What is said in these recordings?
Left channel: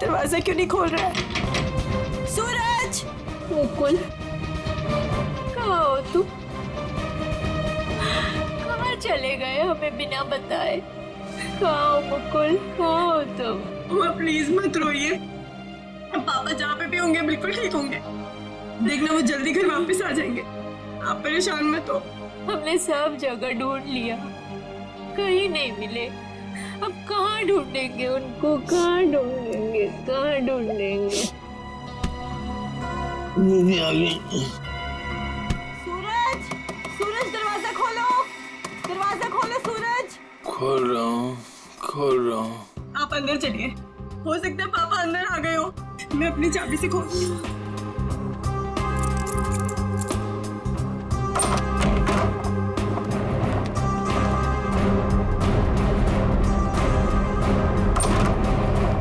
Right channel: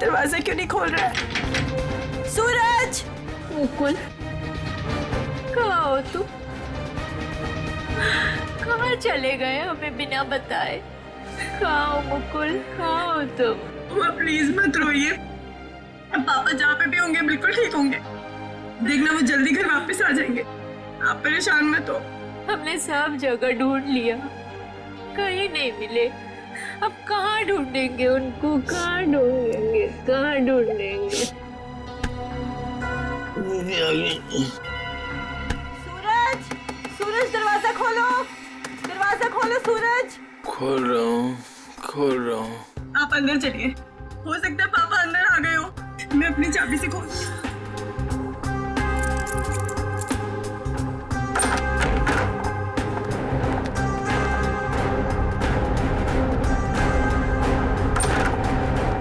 दरवाजा क्यों नहीं खोल रहा है? सूरज! मुकुल, कहाँ हो तुम? कहाँ चले गए हमें बिना बताए? कहाँ हो मुकुल, कहाँ हो तुम? माँ प्लीज मत रोइए, अब पापा जहाँ पे भी होंगे बिल्कुल ठीक होंगे। देखना वो जल्दी घर वापस आ जाएंगे, आप परेशान मत हो। हमने सब जगह ढूंढ लिया, कहीं नहीं मिले। अब कहाँ ढूंढेंगे उनको, कहाँ ढूंढेंगे, कहाँ ढूंढेंगे? सूरज! सूरज दरवाजा खोलो, दरवाजा खोलो सूरज! खोल रहा हूँ। आप अंदर चलिए, हो सकता है पापा अंदर आ गए हो। मैं अपनी चाबी से खोलती हूँ।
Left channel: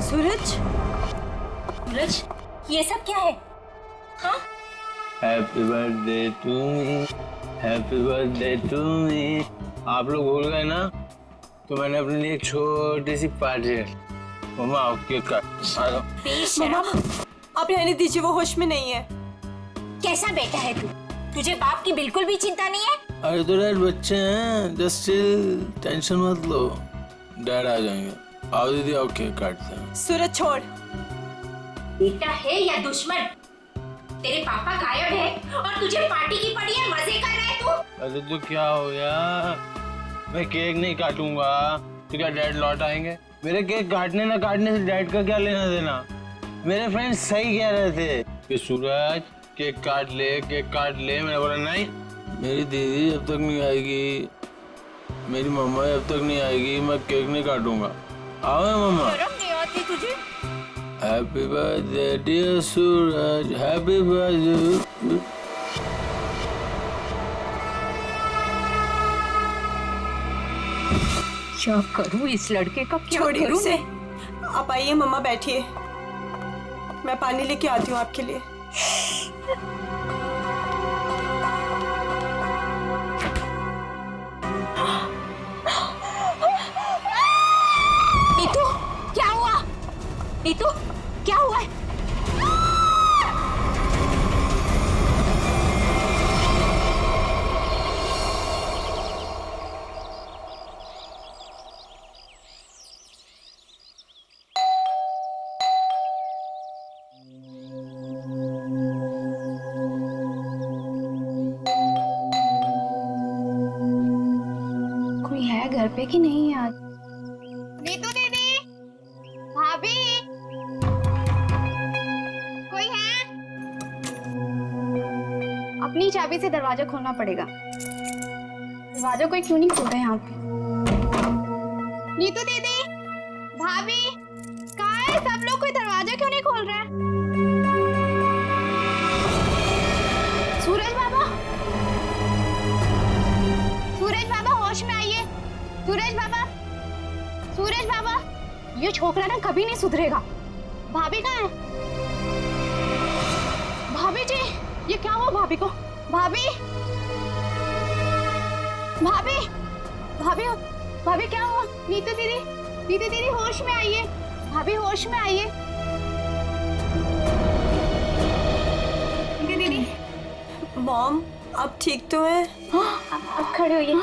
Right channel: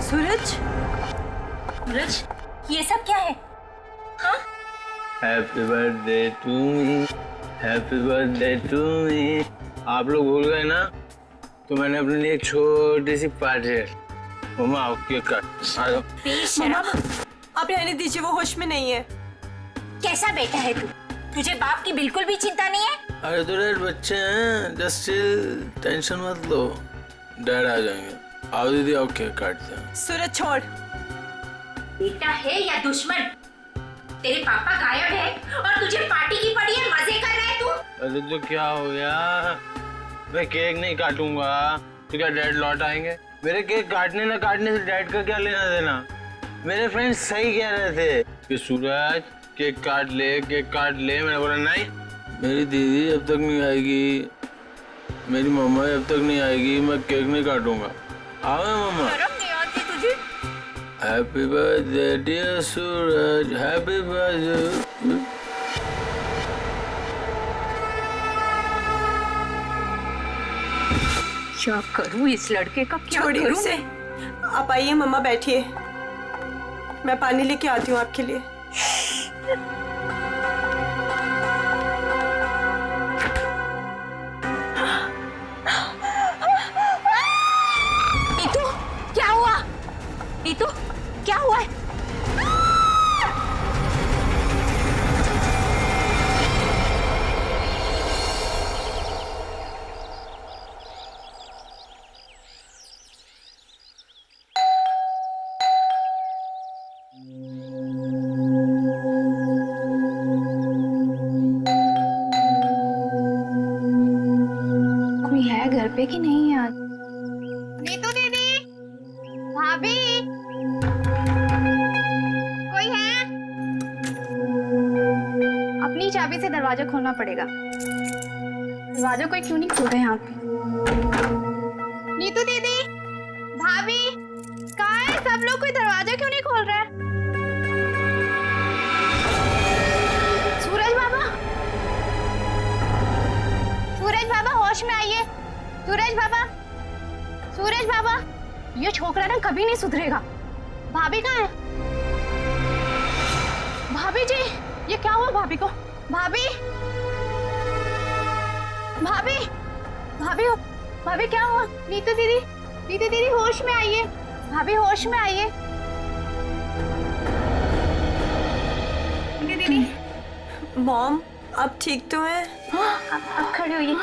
सूरज! सूरज, ये सब क्या है? हाँ? Happy birthday to me, happy birthday to me. आप लोग भूल गए ना, तो मैंने अपने लिए एक छोटी सी पार्टी है। मम्मा आओ केक काट। आ जाओ। मम्मा, आप रहने दीजिए, वो होश में नहीं है। कैसा बेटा है तू? तुझे बाप की बिल्कुल भी चिंता नहीं है? अरे तो डैड बच्चे हैं, जस्ट चिल, टेंशन मत लो, डैड आ जाएंगे। आओ दीदी आओ केक काटते हैं। सूरज छोड़। बेटा है या दुश्मन? तेरे पापा गायब है और तुझे पार्टी की पड़ी है, मजे कर रहा है तू? अरे तो क्या हो गया, मैं केक नहीं काटूंगा तो क्या डैड लौट आएंगे? मेरे केक काटने ना काटने से डैड का क्या लेना देना? मेरे फ्रेंड्स सही कह रहे थे कि सूरज केक काट ले, केक काट ले। मैंने बोला नहीं, मेरी दीदी जब तक नहीं आएगी, मेरी मम्मा जब तक नहीं आएगी, मैं केक नहीं काटूंगा। आओ मम्मा। शर्म नहीं आती तुझे? हैप्पी बर्थडे डियर सूरज, हैप्पी बर्थडे। क्या करूं इस लड़के का, क्या छोड़िए करूं उसे। मैं? आप आइए मम्मा, बैठिए, मैं पानी लेके आती हूँ आपके लिए। नीतू, क्या हुआ? नीतू, क्या हुआ है? कोई है घर पे कि नहीं आज? नीतू दीदी, भाभी, कोई है? अपनी चाबी से दरवाजा खोलना पड़ेगा। दरवाजा कोई क्यों नहीं खोल रहा है यहाँ पे? नीतू दीदी, भाभी, कहाँ है सब लोग? कोई दरवाजा क्यों नहीं खोल रहा है? सूरज बाबा, सूरज बाबा होश में आइए। सूरज बाबा, सूरज बाबा, ये छोकरा ना कभी नहीं सुधरेगा। भाभी कहाँ है? भाभी जी, ये क्या हुआ भाभी को? भाभी, भाभी, भाभी, भाभी क्या हुआ? नीतू दीदी, नीतू दीदी होश में आइए। भाभी होश में आइए। नीतू दीदी, मॉम, आप ठीक तो हैं? अब खड़े होइए।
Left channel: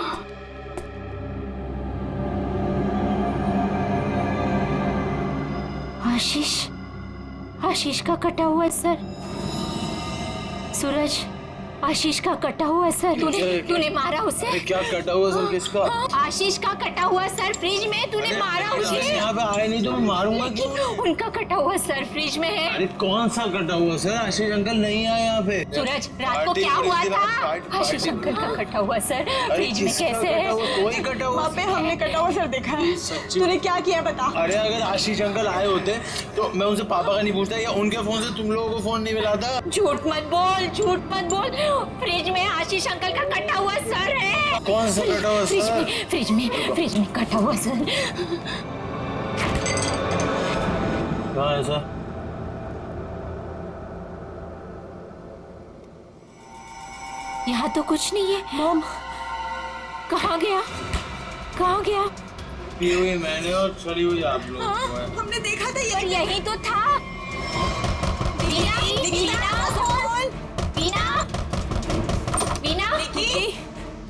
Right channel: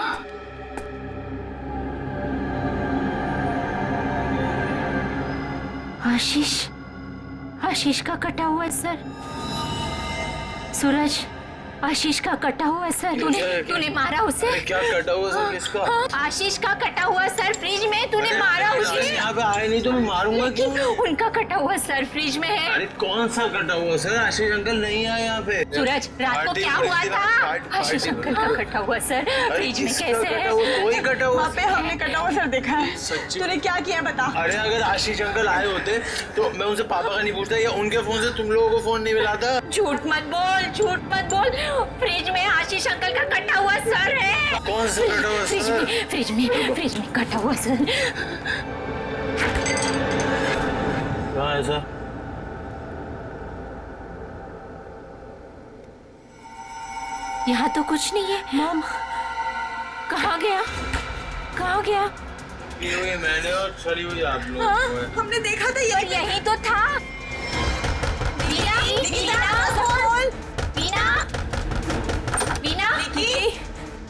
आशीष, आशीष का कटा हुआ है सर। सूरज, आशीष का कटा हुआ सर। तूने मारा उसे? अरे क्या कटा हुआ सर किसका? आशीष का कटा हुआ सर फ्रिज में, तूने मारा उसे। यहाँ पे आए नहीं तो मैं मारूंगा क्यों? उनका कटा हुआ सर फ्रिज में है। अरे कौन सा कटा हुआ सर? आशीष अंकल नहीं आए यहाँ पे। सूरज, रात को क्या हुआ था? आशीष अंकल का कटा हुआ सर फ्रिज में कैसे है? कोई कटा हुआ? वहाँ पे हमने कटा हुआ सर देखा है। सच्ची? तूने क्या किया बता? अरे अगर आशीष अंकल आए होते तो मैं उनसे पापा का नहीं पूछता या उनके फोन से तुम लोगों को फोन नहीं मिलाता। झूठ मत बोल, झूठ मत बोल। फ्रिज में आशीष अंकल का कटा हुआ सर है। कौन सा कटा हुआ सर? फ्रिज में कटा हुआ सर। कहाँ है सर? यहाँ तो कुछ नहीं है। मॉम, कहाँ गया? कहाँ गया? पी हुई मैंने और सड़ी हुई आप लोग को है। हमने देखा था और यही तो था। वीना, वीना, वीना,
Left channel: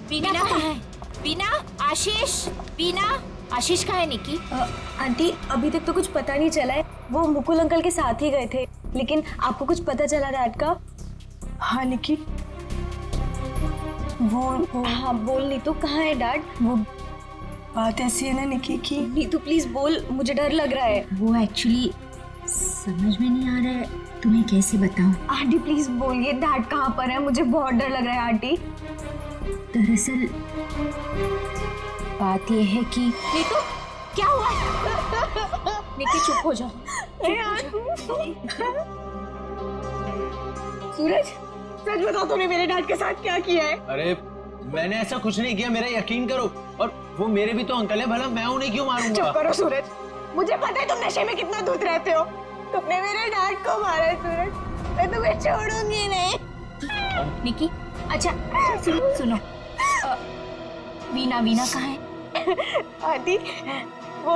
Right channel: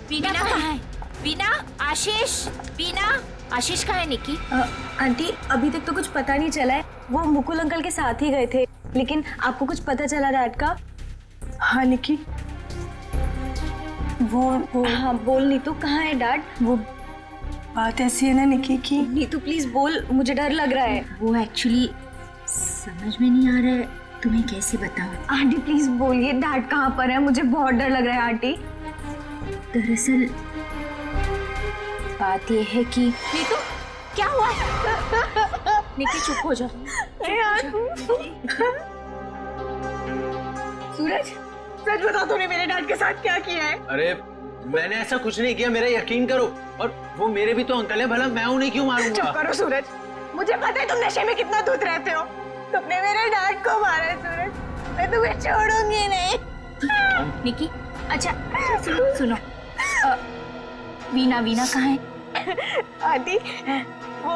वीना कहाँ है? वीना, आशीष, वीना, आशीष कहाँ है निकी? आंटी अभी तक तो कुछ पता नहीं चला है। वो मुकुल अंकल के साथ ही गए थे, लेकिन आपको कुछ पता चला डैड का? हाँ निकी, वो हाँ बोल नीतू, कहाँ है डैड? वो बात ऐसी है ना निकी की नीतू प्लीज बोल, मुझे डर लग रहा है। वो एक्चुअली समझ में नहीं आ रहा है, तुम्हें कैसे बताऊं। आंटी प्लीज बोलिए डैड कहाँ पर है, मुझे बहुत डर लग रहा है आंटी। दरअसल बात यह है कि नीतू, क्या हुआ? निकी चुप हो जा। सूरज, सच बता तूने मेरे डैड के साथ क्या किया है? अरे मैंने ऐसा कुछ नहीं किया, मेरा यकीन करो। और वो मेरे भी तो अंकल है, भला मैं उन्हें क्यों मारूंगा? चुप करो सूरज, मुझे पता है तुम नशे में कितना धुत रहते हो। तुमने मेरे डैड को मारा है सूरज, मैं तुम्हें छोड़ूंगी नहीं। निकी, अच्छा सुनो, वीना कहाँ है? आंटी, वो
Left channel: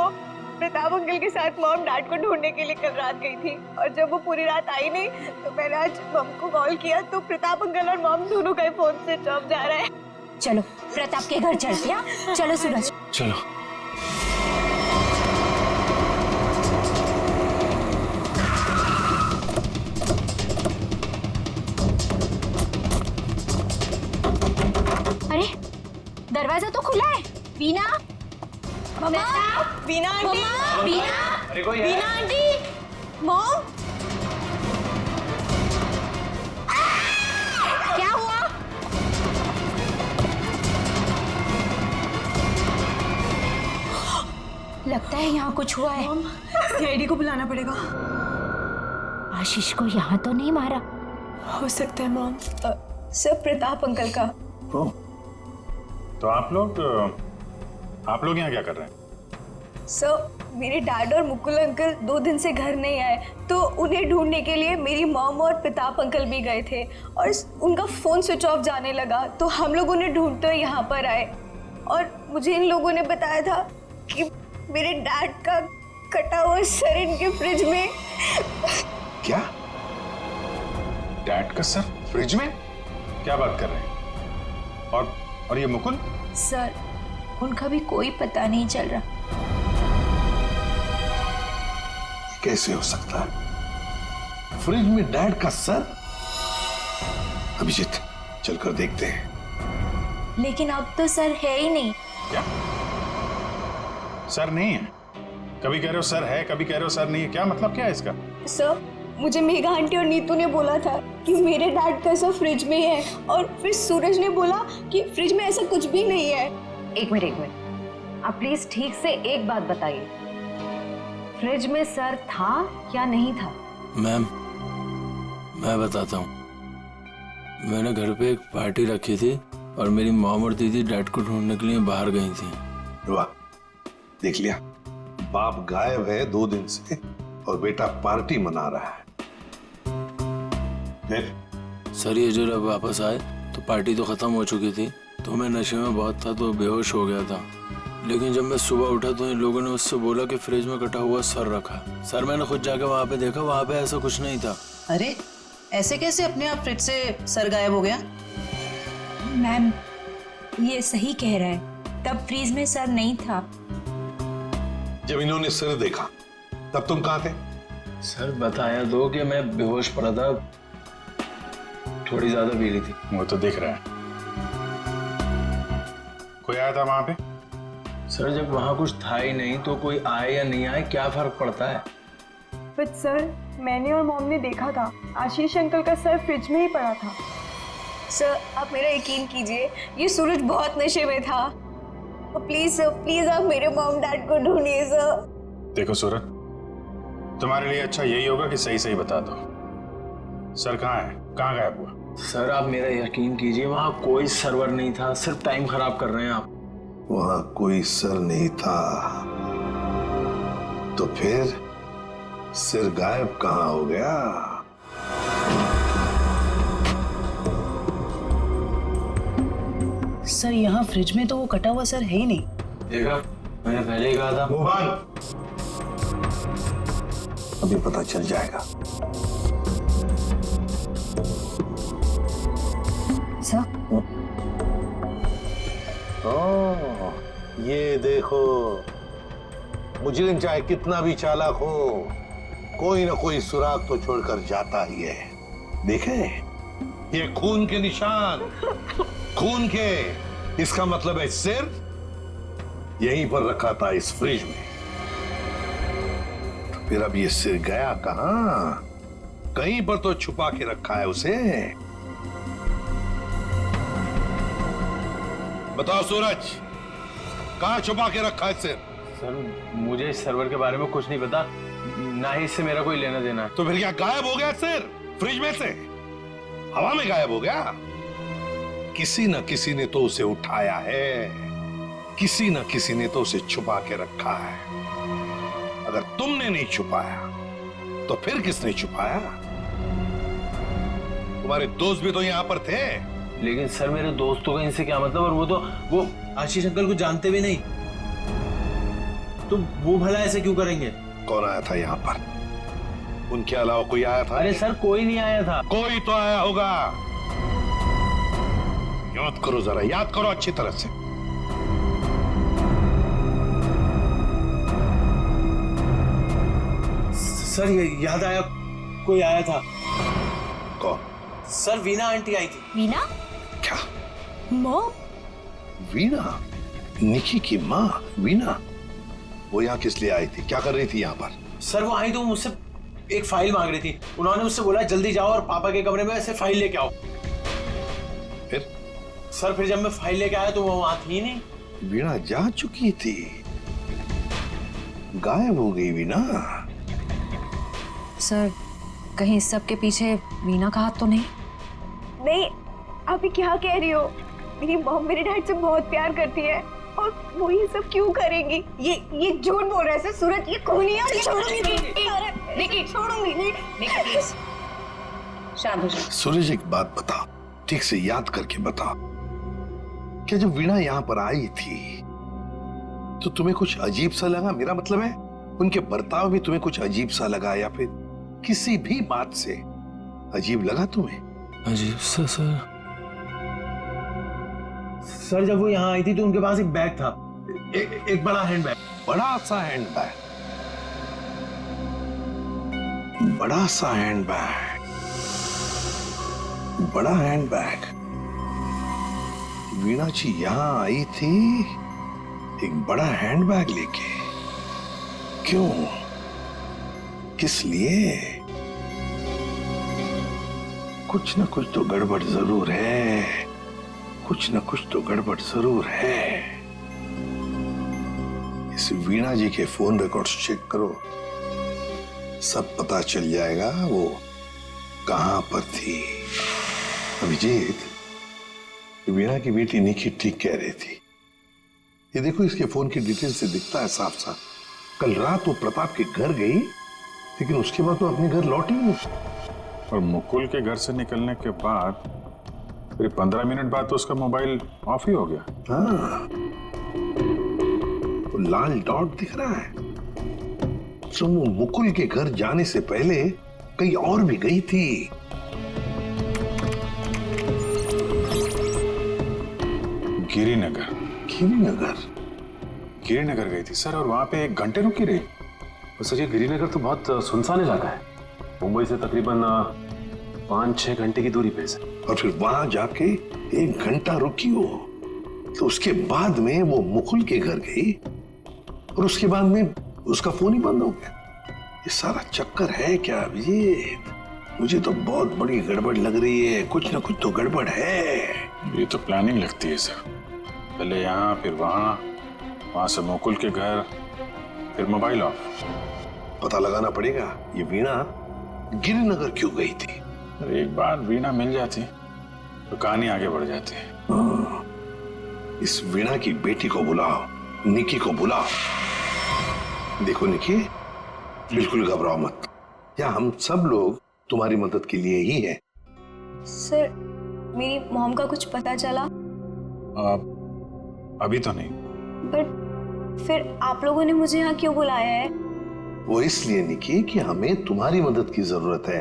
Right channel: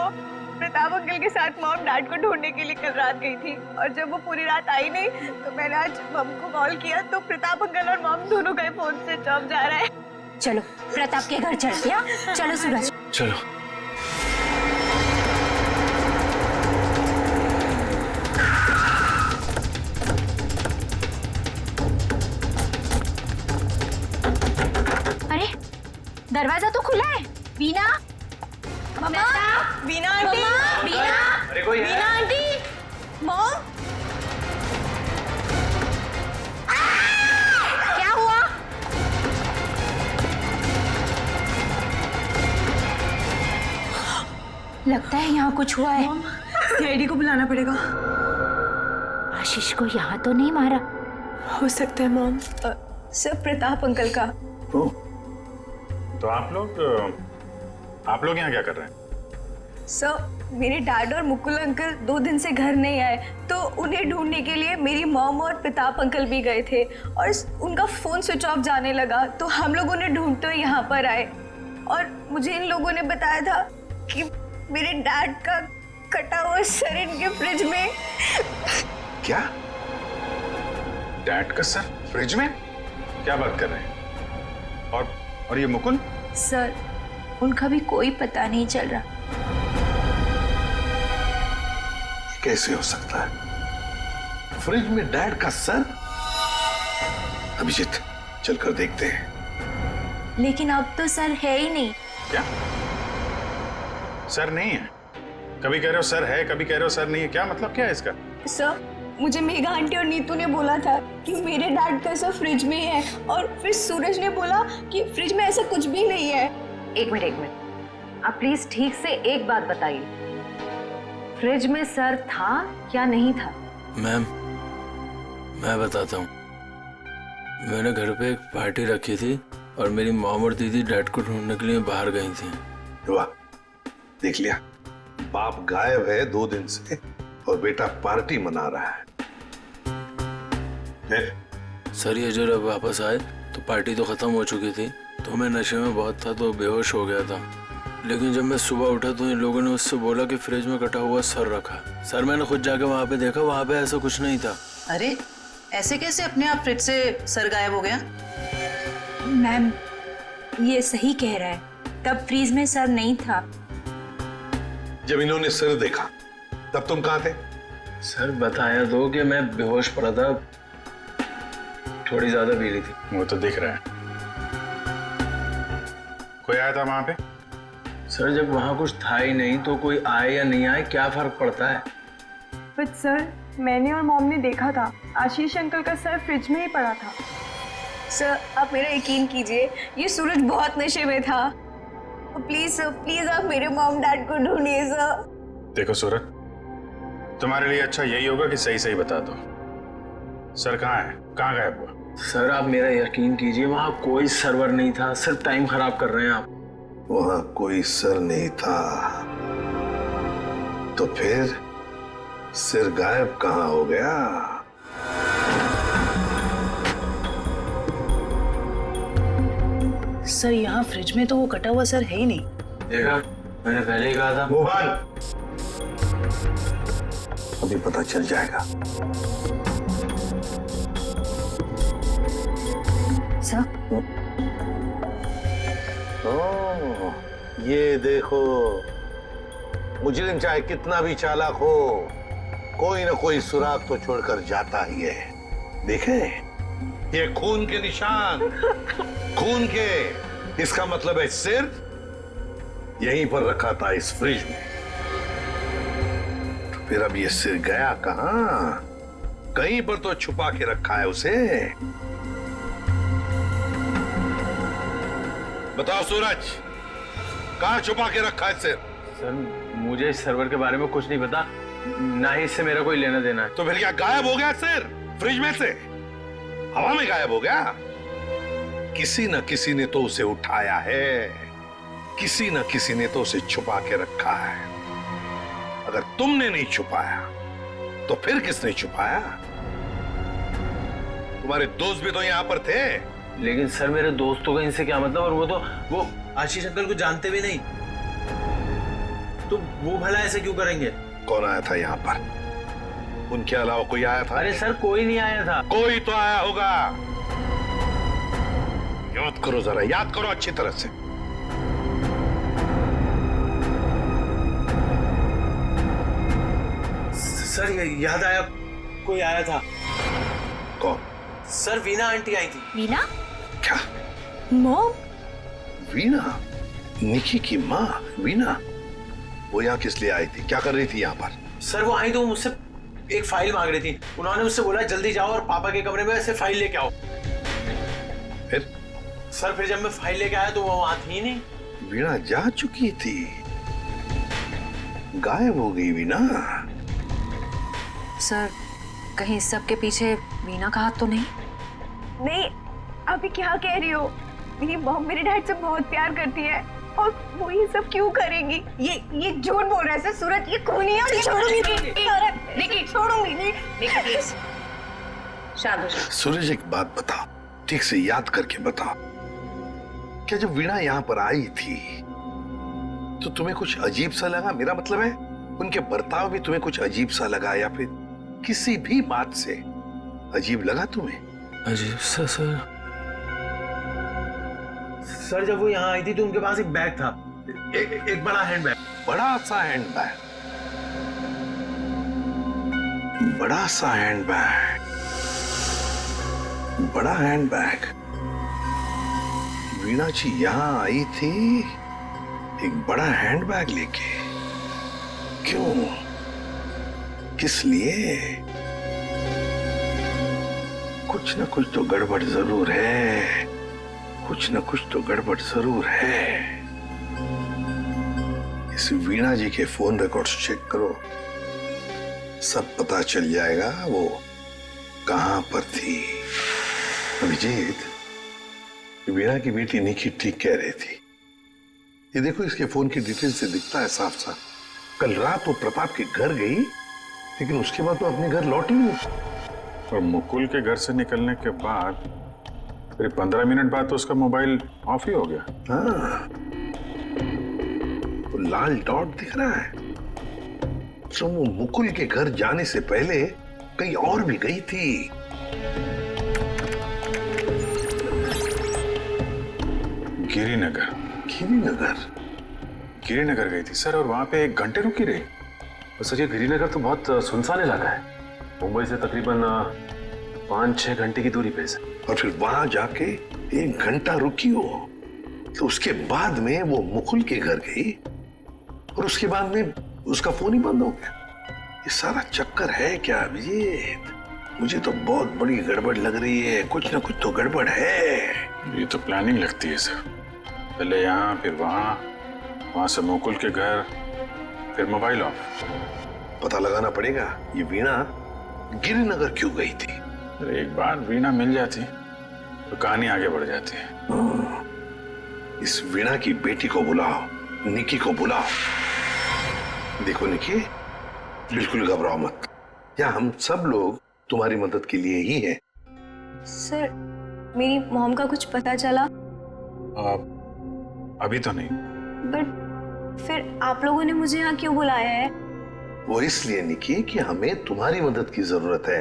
प्रताप अंकल के साथ मॉम डैड को ढूंढने के लिए कल रात गई थी, और जब वो पूरी रात आई नहीं तो मैंने आज मॉम को कॉल किया तो प्रताप अंकल और मॉम दोनों का फोन स्विच ऑफ जा रहा है। चलो प्रताप के घर चलते हैं। चलो सूरज। चलो। अरे दरवाजा तो खुला है। वीना, मम्मा, वीना आंटी, वीना, अरे कोई है? वीना आंटी, मॉम, क्या हुआ? लगता है यहाँ कुछ हुआ है। सीआईडी को बुलाना पड़ेगा। आशीष को यहाँ तो नहीं मारा? हो सकता है मॉम। सर प्रताप अंकल का। तो आप लोग यहाँ क्या कर रहे हैं? सर मेरे डैड और मुकुल अंकल 2 दिन से घर नहीं आए, तो उन्हें ढूंढने के लिए मेरी मॉम और प्रताप अंकल भी गए थे, और उनका फोन स्विच ऑफ जाने लगा, तो हम लोग उन्हें ढूंढते हुए यहाँ पर आए। और मुझे इन लोगों ने बताया था कि मेरे डैड का कटा हुआ सर इनके फ्रिज में। क्या? डैड का सर फ्रिज में? क्या बात कर रहे हैं? और ये मुकुल? सर उनका भी कोई पता नहीं चल रहा। कैसे हो सकता है? फ्रिज में डैड का सर? अभिजीत, चलकर देखते हैं। लेकिन अब तो सर है ही नहीं। क्या सर नहीं है? कभी कह रहे हो सर है, कभी कह रहे हो सर नहीं है, क्या मतलब क्या है इसका? सर मुझे मेघा आंटी और नीतू ने बोला था कि मेरे डैड का सर फ्रिज में है, और फिर सूरज ने बोला कि फ्रिज में ऐसा कुछ भी नहीं है। एक मिनट, आप प्लीज ठीक से एक बात बताइए, फ्रिज में सर था या नहीं था? मैम, मैं बताता हूँ। मैंने घर पे एक पार्टी रखी थी और मेरी मॉम और दीदी डैड को ढूंढने के लिए बाहर गई थी। वाह, देख लिया, बाप गायब है 2 दिन से और बेटा पार्टी मना रहा है। सर ये जब वापस आए तो पार्टी तो खत्म हो चुकी थी, तो मैं नशे में बहुत था तो बेहोश हो गया था। लेकिन जब मैं सुबह उठा तो इन लोगों ने मुझसे बोला कि फ्रिज में कटा हुआ सर रखा। सर मैंने खुद जाके वहाँ पे देखा, वहाँ पे ऐसा कुछ नहीं था। अरे ऐसे कैसे अपने आप फ्रिज से सर गायब हो गया? मैम ये सही कह रहा है, तब फ्रीज में सर नहीं था। जब इन्होंने सर देखा तब तुम कहाँ थे? सर बताया तो कि मैं बेहोश पड़ा था, थोड़ी ज्यादा पी ली थी। वो तो दिख रहा है। कोई आया था वहां पे? सर जब वहाँ कुछ था ही नहीं तो कोई आए या नहीं आए क्या फर्क पड़ता है? बट सर, मैंने और मॉम ने देखा था आशीष अंकल का सर फ्रिज में ही पड़ा था। सर आप मेरा यकीन कीजिए, ये सूरज बहुत नशे में था। प्लीज सर, प्लीज आप मेरे मॉम डैड को ढूंढिए सर। देखो सूरज, तुम्हारे लिए अच्छा यही होगा कि सही सही बता दो, सर कहाँ है, कहाँ गायब हुआ? सर आप मेरा यकीन कीजिए, वहाँ कोई सर्वर नहीं था, सिर्फ टाइम खराब कर रहे हैं आप। वहां कोई सर नहीं था तो फिर सिर गायब कहाँ हो गया? सर यहाँ फ्रिज में तो वो कटा हुआ सर है ही नहीं। देखा, मैंने पहले ही कहा था। मोहन, अभी पता चल जाएगा। सर ओह, ये देखो, मुजरिम चाहे कितना भी चालाक हो, कोई ना कोई सुराग तो छोड़कर जाता ही है। देखे, ये खून के निशान, खून के। इसका मतलब है सिर यहीं पर रखा था इस फ्रिज में। तो फिर अब ये सिर गया कहां? कहीं पर तो छुपा के रखा है उसे। बताओ सूरज, कहां छुपा के रखा है सिर? सर मुझे इस सर्वर के बारे में कुछ नहीं पता, ना ही इससे मेरा कोई लेना देना है। तो फिर क्या गायब हो गया सिर फ्रिज में से? हवा में गायब हो गया? किसी न किसी ने तो उसे उठाया है, किसी न किसी ने तो उसे छुपा के रखा है। अगर तुमने नहीं छुपाया तो फिर किसने छुपाया? तुम्हारे दोस्त भी तो यहां पर थे। लेकिन सर मेरे दोस्तों का इनसे क्या मतलब? और वो आशीष अंकल को जानते भी नहीं, तो वो भला ऐसे क्यों करेंगे? कौन आया था यहाँ पर? उनके अलावा कोई आया था? अरे सर कोई नहीं आया था। कोई तो आया होगा। याद करो जरा, याद करो अच्छी तरह से। सर याद आया, कोई आया था। कौन? सर वीना आंटी आई थी। वीना? क्या? मॉम? वीना? निकी की माँ वीना? वो यहाँ किस लिए आई थी? क्या कर रही थी यहाँ पर? सर वो आई तो मुझसे एक फाइल मांग रही थी। उन्होंने मुझसे बोला जल्दी जाओ और पापा के कमरे में से फाइल लेके आओ। फिर? सर फिर जब मैं फाइल लेके आया तो वो वहां थी नहीं। वीणा जा चुकी थी, गायब हो गई वीणा। सर कहीं इस सब के पीछे वीना का हाथ तो नहीं? नहीं, आप ये क्या कह रही हो? मेरी मॉम मेरे डैड से बहुत प्यार करती है और वो ये सब क्यों करेंगी? ये झूठ बोल रहा है सर। सूरज ये खूनी है और ये छोड़ूंगी नहीं, छोड़ूंगी नहीं। शांत हो जाओ। सूरज एक बात बताओ, ठीक से याद करके बताओ, क्या जब वीणा यहाँ पर आई थी तो तुम्हें कुछ अजीब सा लगा? मेरा मतलब है उनके बर्ताव में तुम्हें कुछ अजीब सा लगा, या फिर किसी भी बात से अजीब लगा तुम्हें? अजीब सा सर जब वो यहाँ आई थी तो उनके पास एक बैग था, एक बड़ा हैंड बैग। बड़ा सा हैंड बैग? बड़ा सा हैंड बैग? बड़ा हैंड बैग? वीणा जी यहाँ आई थी एक बड़ा हैंड बैग लेके? क्यों? किस लिए? कुछ ना कुछ तो गड़बड़ जरूर है, कुछ ना कुछ तो गड़बड़ जरूर है। इस वीणा जी के फोन रिकॉर्ड्स चेक करो, सब पता चल जाएगा वो कहां पर थी। अभिजीत, वीणा की बेटी निकी ठीक कह रही थी। ये देखो, इसके फोन की डिटेल से दिखता है साफ साफ, कल रात वो प्रताप के घर गई, लेकिन उसके बाद वो अपने घर लौटी नहीं। और मुकुल के घर से निकलने के बाद फिर 15 मिनट बाद तो उसका मोबाइल ऑफ ही हो गया। हाँ, वो लाल डॉट दिख रहा है, तो वो मुकुल के घर जाने से पहले कहीं और भी गई थी। गिरिनगर। गिरिनगर? गिरिनगर गई थी सर, और वहां पे 1 घंटे रुकी रही। और सर ये गिरिनगर तो बहुत सुनसान इलाका है, मुंबई से तकरीबन 5-6 घंटे की दूरी पे है। और फिर वहां जाके 1 घंटा रुकी हो, तो उसके बाद में वो मुकुल के घर गई और उसके बाद में उसका फोन ही बंद हो गया। ये सारा चक्कर है क्या अभिजीत? मुझे तो बहुत बड़ी गड़बड़ लग रही है, कुछ ना कुछ तो गड़बड़ है। ये तो प्लानिंग लगती है सर, पहले यहाँ फिर वहां से मुकुल के घर, फिर मोबाइल ऑफ। पता लगाना पड़ेगा ये वीणा गिरिनगर क्यों गई थी। अरे एक बार वीणा मिल जाती तो कहानी आगे बढ़ जाती है। इस वीणा की बेटी को बुलाओ, निकी को बुलाओ। देखो निकी, बिल्कुल घबराओ मत, या हम सब लोग तुम्हारी मदद के लिए ही हैं। सर, मेरी मॉम का कुछ पता चला? अभी तो नहीं। बट फिर आप लोगों ने मुझे यहाँ क्यों बुलाया है? वो इसलिए निकी कि हमें तुम्हारी मदद की जरूरत है,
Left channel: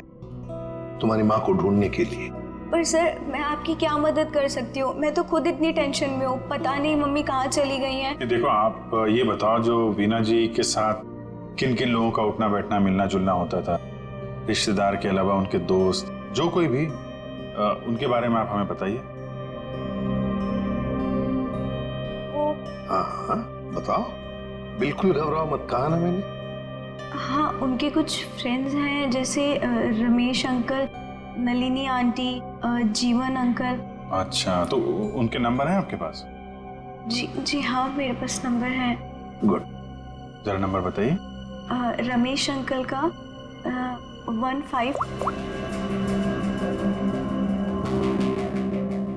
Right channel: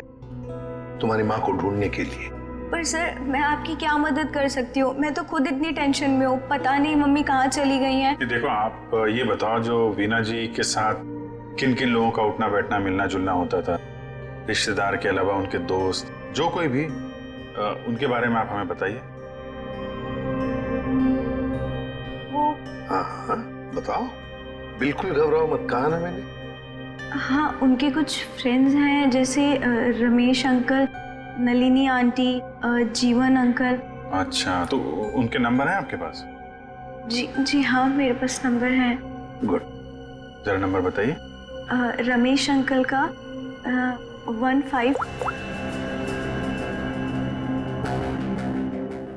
तुम्हारी माँ को ढूंढने के लिए। पर सर मैं आपकी क्या मदद कर सकती हूँ? मैं तो खुद इतनी टेंशन में हूँ, पता नहीं मम्मी कहाँ चली गई हैं। देखो आप ये बताओ, जो वीना जी के साथ किन किन लोगों का उठना बैठना मिलना जुलना होता था, रिश्तेदार के अलावा उनके दोस्त, जो कोई भी, उनके बारे में आप हमें बताइए। वो हाँ हाँ बताओ, बिल्कुल घबराओ मत, कहा ना मैंने। हाँ, उनके कुछ फ्रेंड्स हैं, जैसे रमेश अंकल, नलिनी आंटी, जीवन अंकल। अच्छा, तो उनके नंबर हैं आपके पास? जी हाँ, मेरे पास नंबर है। गुड, जरा नंबर बताइए। रमेश अंकल का 15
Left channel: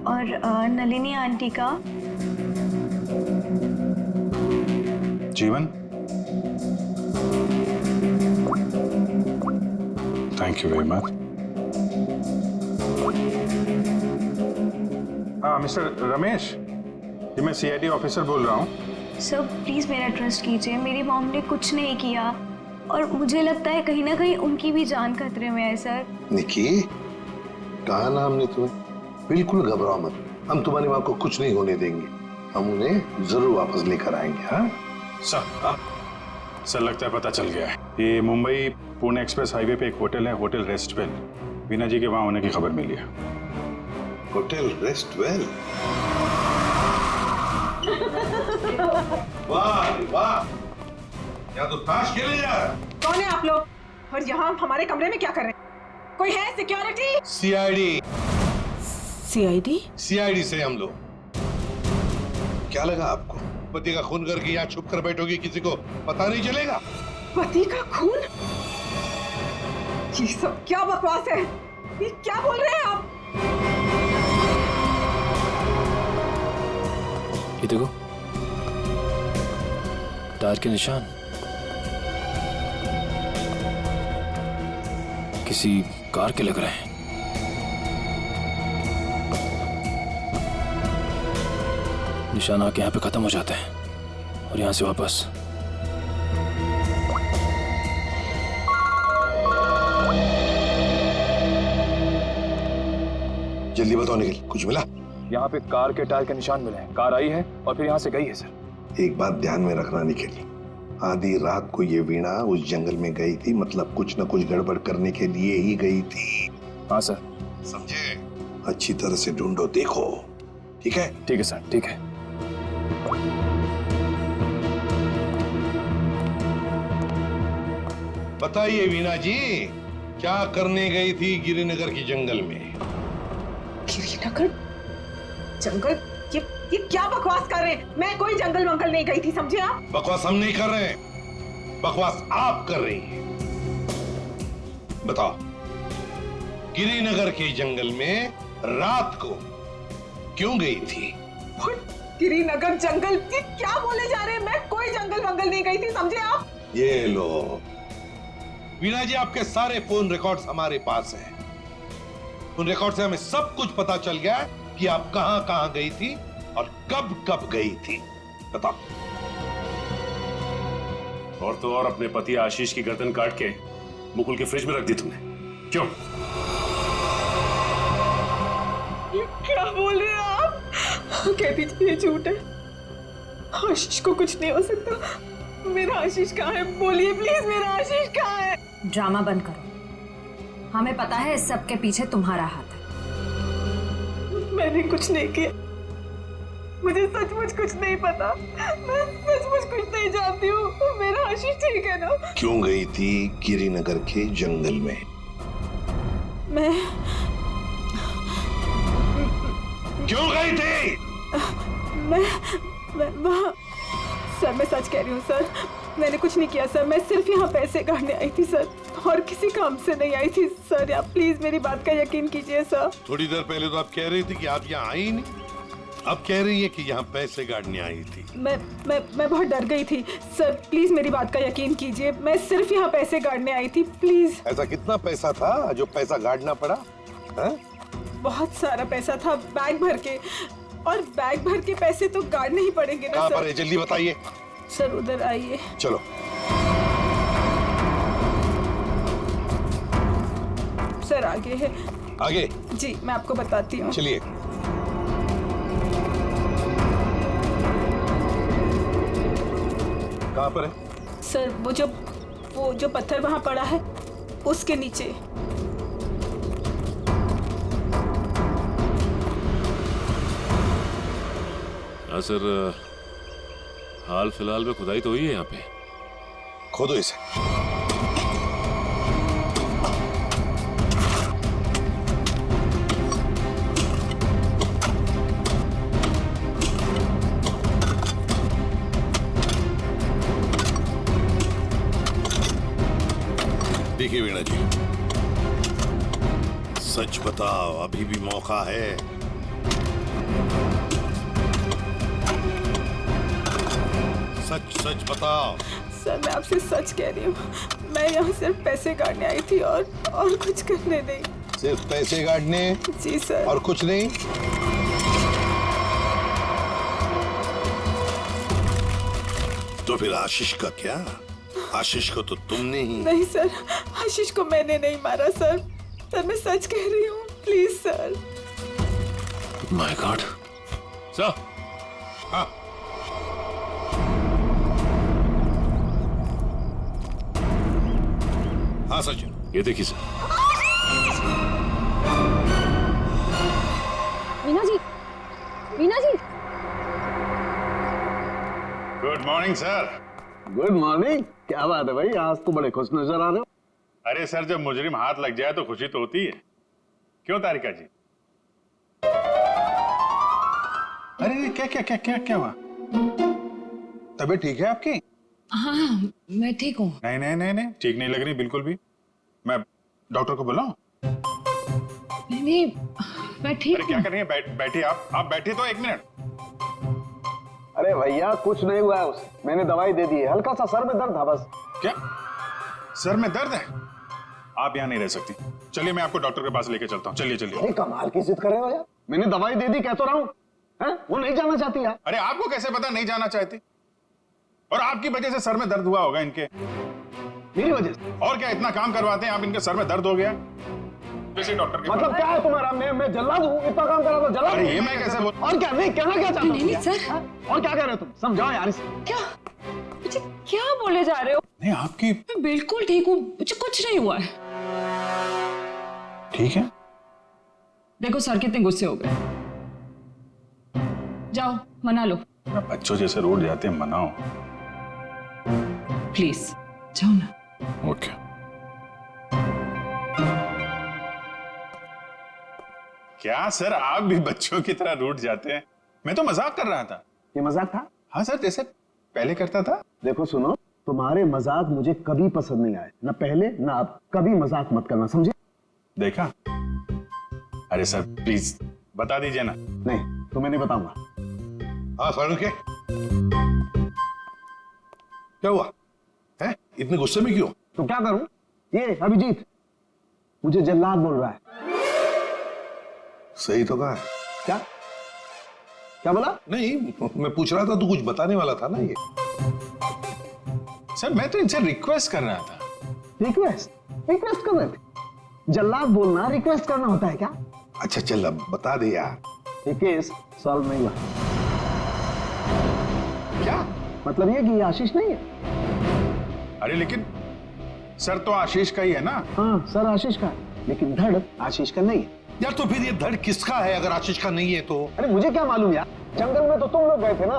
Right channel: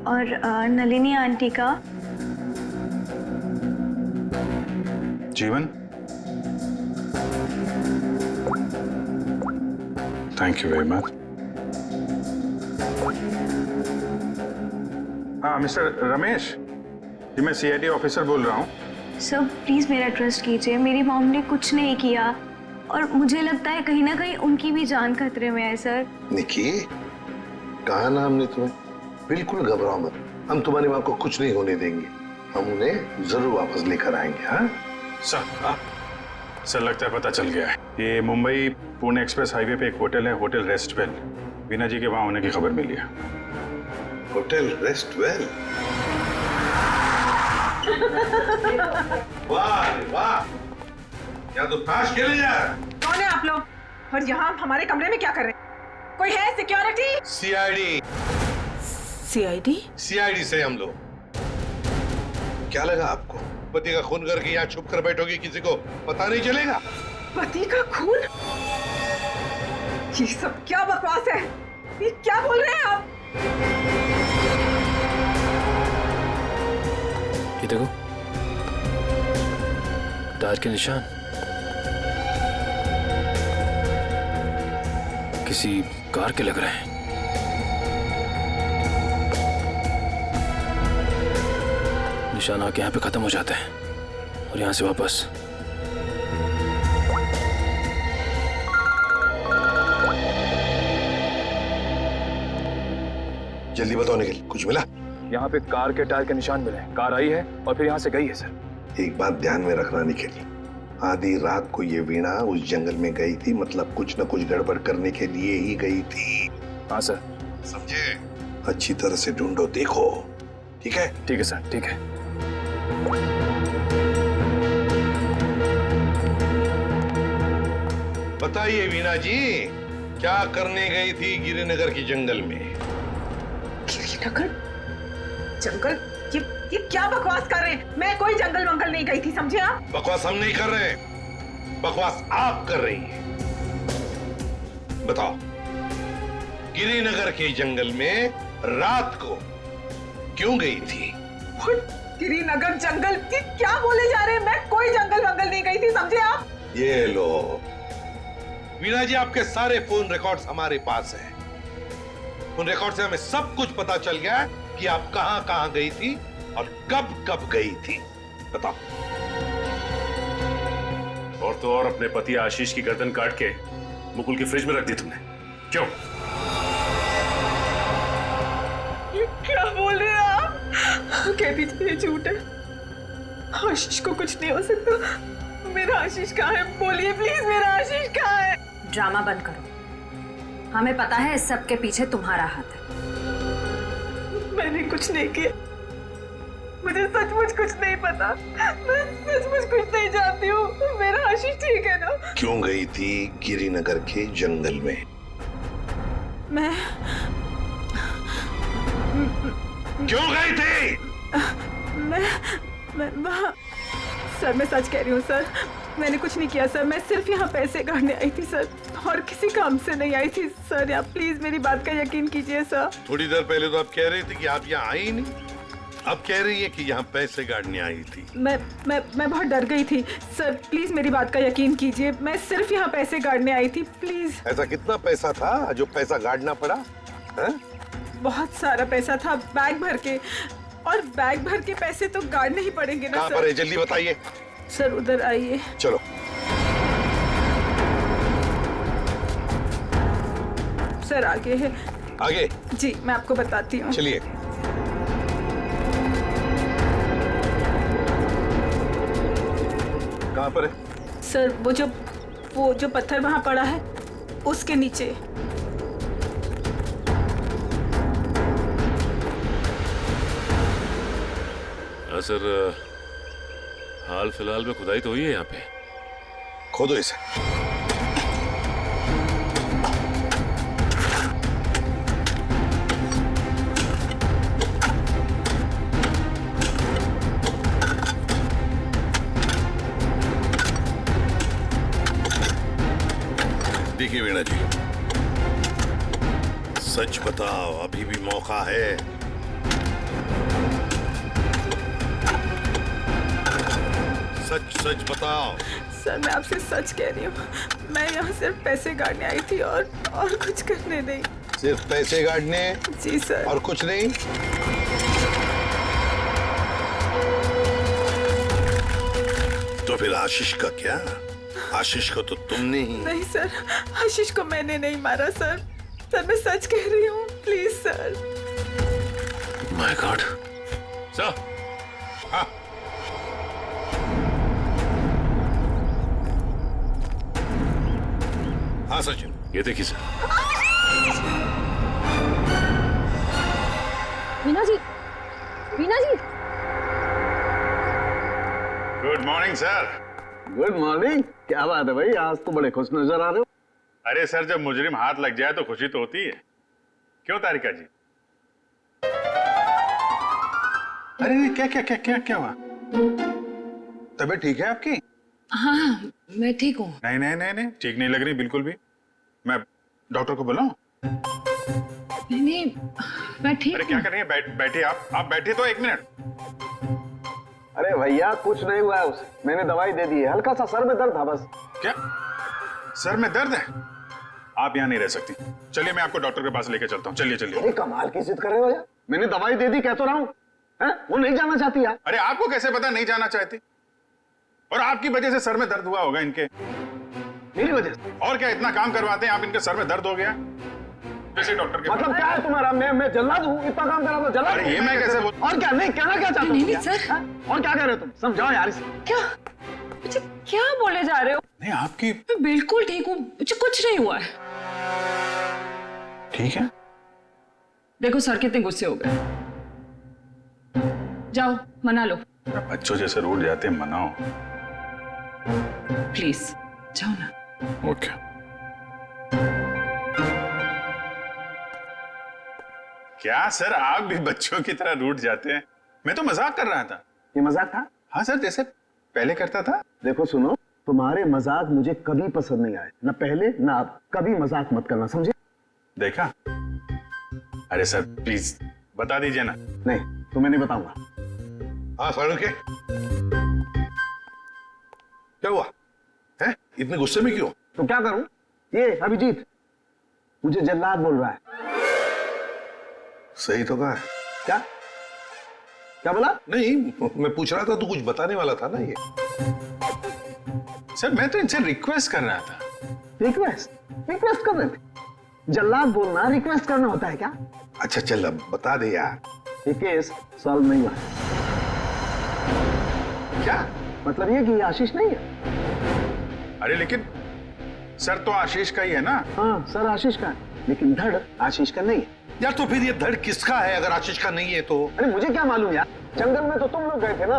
और नलिनी आंटी का जीवन। Thank you very much. हाँ मिस्टर रमेश, जी मैं सीआईडी ऑफिसर बोल रहा हूँ। सर प्लीज मेरा ट्रस्ट कीजिए, मेरी मॉम ने कुछ नहीं किया और मुझे लगता है कहीं ना कहीं उनकी भी जान खतरे में है। सर निकी, कहा ना हमने तुम्हें, बिल्कुल घबराओ मत, हम तुम्हारी माँ को कुछ नहीं होने देंगे, हम उन्हें जरूर वापस लेकर आएंगे। हाँ सर लगता है पता चल गया है। ये मुंबई पुणे एक्सप्रेस हाईवे पे एक होटल है, होटल रेस्टवेल। वीना जी के वहां होने की खबर मिली है। होटल रेस्टवेल? वाह वाह, यहाँ तो ताश खेले जा रहा है। कौन है आप लोग और यहाँ हमारे कमरे में क्या कर रहे हैं? कोई है सिक्योरिटी? सीआईडी। सीआईडी? सीआईडी से हम लोग। क्या लगा आपको, पति का खून करके यहाँ छुप कर बैठोगे, किसी को पता नहीं चलेगा? पति का खून? ये सब क्या बकवास है? ये क्या बोल रहे हैं आप? ये देखो, टायर के निशान किसी कार के लग रहे हैं। निशान आके यहाँ पे खत्म हो जाते हैं और यहाँ से वापस। जल्दी बताओ निखिल, कुछ मिला? यहाँ पे कार के टायर के निशान मिले हैं, कार आई है और फिर यहाँ से गई है सर। एक बात ध्यान में रखना निखिल, आधी रात को ये वीणा उस जंगल में गई थी, मतलब कुछ न कुछ गड़बड़ करने के लिए ही गई थी। हाँ सर। समझे? अच्छी तरह से ढूंढो, देखो। ठीक है? ठीक है सर, ठीक है। बताइए वीणा जी, क्या करने गई थी गिरिनगर की जंगल में? गिरिनगर जंगल? ये क्या बकवास कर रहे हैं? मैं कोई जंगल वंगल नहीं गई थी, समझे आप? बकवास हम नहीं कर रहे हैं, बकवास आप कर रही हैं। बताओ, गिरिनगर के जंगल में रात को क्यों गई थी? गिरिनगर जंगल? ये क्या बोले जा रहे हैं? मैं कोई जंगल वंगल नहीं गई थी, समझे आप? ये लो वीणा जी, आपके सारे फोन रिकॉर्ड्स हमारे पास हैं। उन रिकॉर्ड से हमें सब कुछ पता चल गया है कि आप कहां कहां गई थी और कब कब गई थी। बताओ। और तो और अपने पति आशीष की गर्दन काट के मुकुल की फ्रिज में रख दी तुमने, क्यों? ये क्या बोल रहे हैं आप? कह दीजिए ये झूठ है, आशीष को कुछ नहीं हो सकता। मेरा आशीष कहाँ है? बोलिए प्लीज, मेरा आशीष कहाँ है? ड्रामा बंद करो, हमें पता है इस सब के पीछे तुम्हारा हाथ है। मैंने कुछ नहीं किया, मुझे सचमुच कुछ नहीं पता, मैं सचमुच कुछ नहीं जानती हूँ। मेरा आशीष ठीक है ना? क्यों गई थी गिरिनगर के जंगल में? मैं क्यों गई थी? मैं वहाँ, सर मैं सच कह रही हूँ सर, मैंने कुछ नहीं किया सर, मैं सिर्फ यहाँ पैसे काटने आई थी सर, और किसी काम से नहीं आई थी सर। आप प्लीज मेरी बात का यकीन कीजिए सर। थोड़ी देर पहले तो आप कह रही थी कि आप यहाँ आई ही नहीं, अब कह रही है कि यहाँ पैसे काटने आई थी। मैं बहुत डर गई थी सर, प्लीज मेरी बात का यकीन कीजिए, मैं सिर्फ यहाँ पैसे काटने आई थी, प्लीज। ऐसा कितना पैसा था जो पैसा गाड़ना पड़ा? है? बहुत सारा पैसा था, बैग भर के, और बैग भर के पैसे तो गाड़ने ही पड़ेंगे ना कहाँ सर। पर है? जल्दी बताइए। सर उधर आइए। चलो। सर आगे है। आगे? जी मैं आपको बताती हूँ। चलिए। कहाँ पर है? सर वो जो पत्थर वहाँ पड़ा है उसके नीचे। हाँ सर, हाल फिलहाल में खुदाई तो हुई है यहाँ पे। खोदो इसे। देखिए वीणा जी, सच बताओ, अभी भी मौका है। सच सच बताओ। सर मैं आपसे सच कह रही हूँ, मैं यहाँ सिर्फ पैसे काटने आई थी और कुछ करने नहीं। सिर्फ पैसे काटने? जी सर। और कुछ नहीं? तो फिर आशीष का क्या? आशीष को तो तुमने ही। नहीं सर, आशीष को मैंने नहीं मारा सर। सर मैं सच कह रही हूँ, please sir. My god. Sir. हाँ। हाँ सचिन। ये देखिए sir. Veena ji, Veena ji. Good morning sir. Good morning. क्या बात है भाई, आज तो बड़े खुश नजर आ रहे हो। अरे सर, जब मुजरिम हाथ लग जाए तो खुशी तो होती है, क्यों तारिका जी? अरे क्या क्या क्या क्या क्या हुआ? तबीयत ठीक है आपकी? हाँ मैं ठीक हूँ। नहीं नहीं नहीं नहीं, ठीक नहीं लग रही बिल्कुल भी। मैं डॉक्टर को बुलाऊं? नहीं मैं ठीक अरे क्या कर रही हैं? बैठिए आप बैठिए तो 1 मिनट। अरे भैया कुछ नहीं हुआ है उसे, मैंने दवाई दे दी है, हल्का सा सर में दर्द था बस। क्या सर में दर्द है? आप यहाँ नहीं रह सकती, चलिए मैं आपको डॉक्टर के पास लेके चलता हूँ। चलिए चलिए। अरे कमाल की जिद कर रहे हो यार, मैंने दवाई दे दी, कह तो रहा हूँ। वो नहीं जाना चाहती यार। अरे आपको कैसे पता नहीं जाना चाहती? और आपकी वजह से सर में दर्द हुआ होगा इनके। मेरी वजह से? और क्या, इतना काम करवाते हैं आप, इनके सर में दर्द हो गया। जैसे डॉक्टर के मतलब क्या है तुम्हारा? मैं जल्लाद हूँ? इतना काम करा तो जल्लाद? अरे ये मैं कैसे बोल? और क्या? नहीं कहना क्या चाहते हो? नहीं सर। और क्या कह रहे हो तुम? समझाओ यार इसे। क्या मुझे क्या बोले जा रहे हो? नहीं आपकी। मैं बिल्कुल ठीक हूँ, मुझे कुछ नहीं हुआ है। ठीक है। देखो सर कितने गुस्से हो गए। जाओ मना लो। बच्चों जैसे रोड जाते हैं, मनाओ प्लीज, जाओ ना। ओके। क्या सर, आप भी बच्चों की तरह रूठ जाते हैं? मैं तो मजाक कर रहा था। ये मजाक था? हाँ सर, जैसे पहले करता था। देखो सुनो, तुम्हारे मजाक मुझे कभी पसंद नहीं आए, ना पहले ना अब। कभी मजाक मत करना, समझे? देखा? अरे सर प्लीज बता दीजिए ना। नहीं तो मैं नहीं बताऊंगा। हाँ फारूक, क्या हुआ है? इतने गुस्से में क्यों? तो क्या करूं? ये अभिजीत मुझे जल्लाद बोल रहा है। सही तो कहा है। क्या क्या बोला? नहीं, मैं पूछ रहा था, तू कुछ बताने वाला था ना। ये सर मैं तो इनसे रिक्वेस्ट कर रहा था। रिक्वेस्ट कर रहे थे? जल्लाद बोलना रिक्वेस्ट करना होता है क्या? अच्छा चल अब बता दे यार। ये केस सॉल्व नहीं हुआ। क्या मतलब ये कि ये आशीष नहीं है। अरे लेकिन सर तो आशीष का ही है ना। हाँ सर आशीष का है, लेकिन धड़ आशीष का नहीं है। यार तो फिर ये धड़ किसका है अगर आशीष का नहीं है तो? अरे मुझे क्या मालूम यार, जंगल में तो तुम लोग गए थे ना।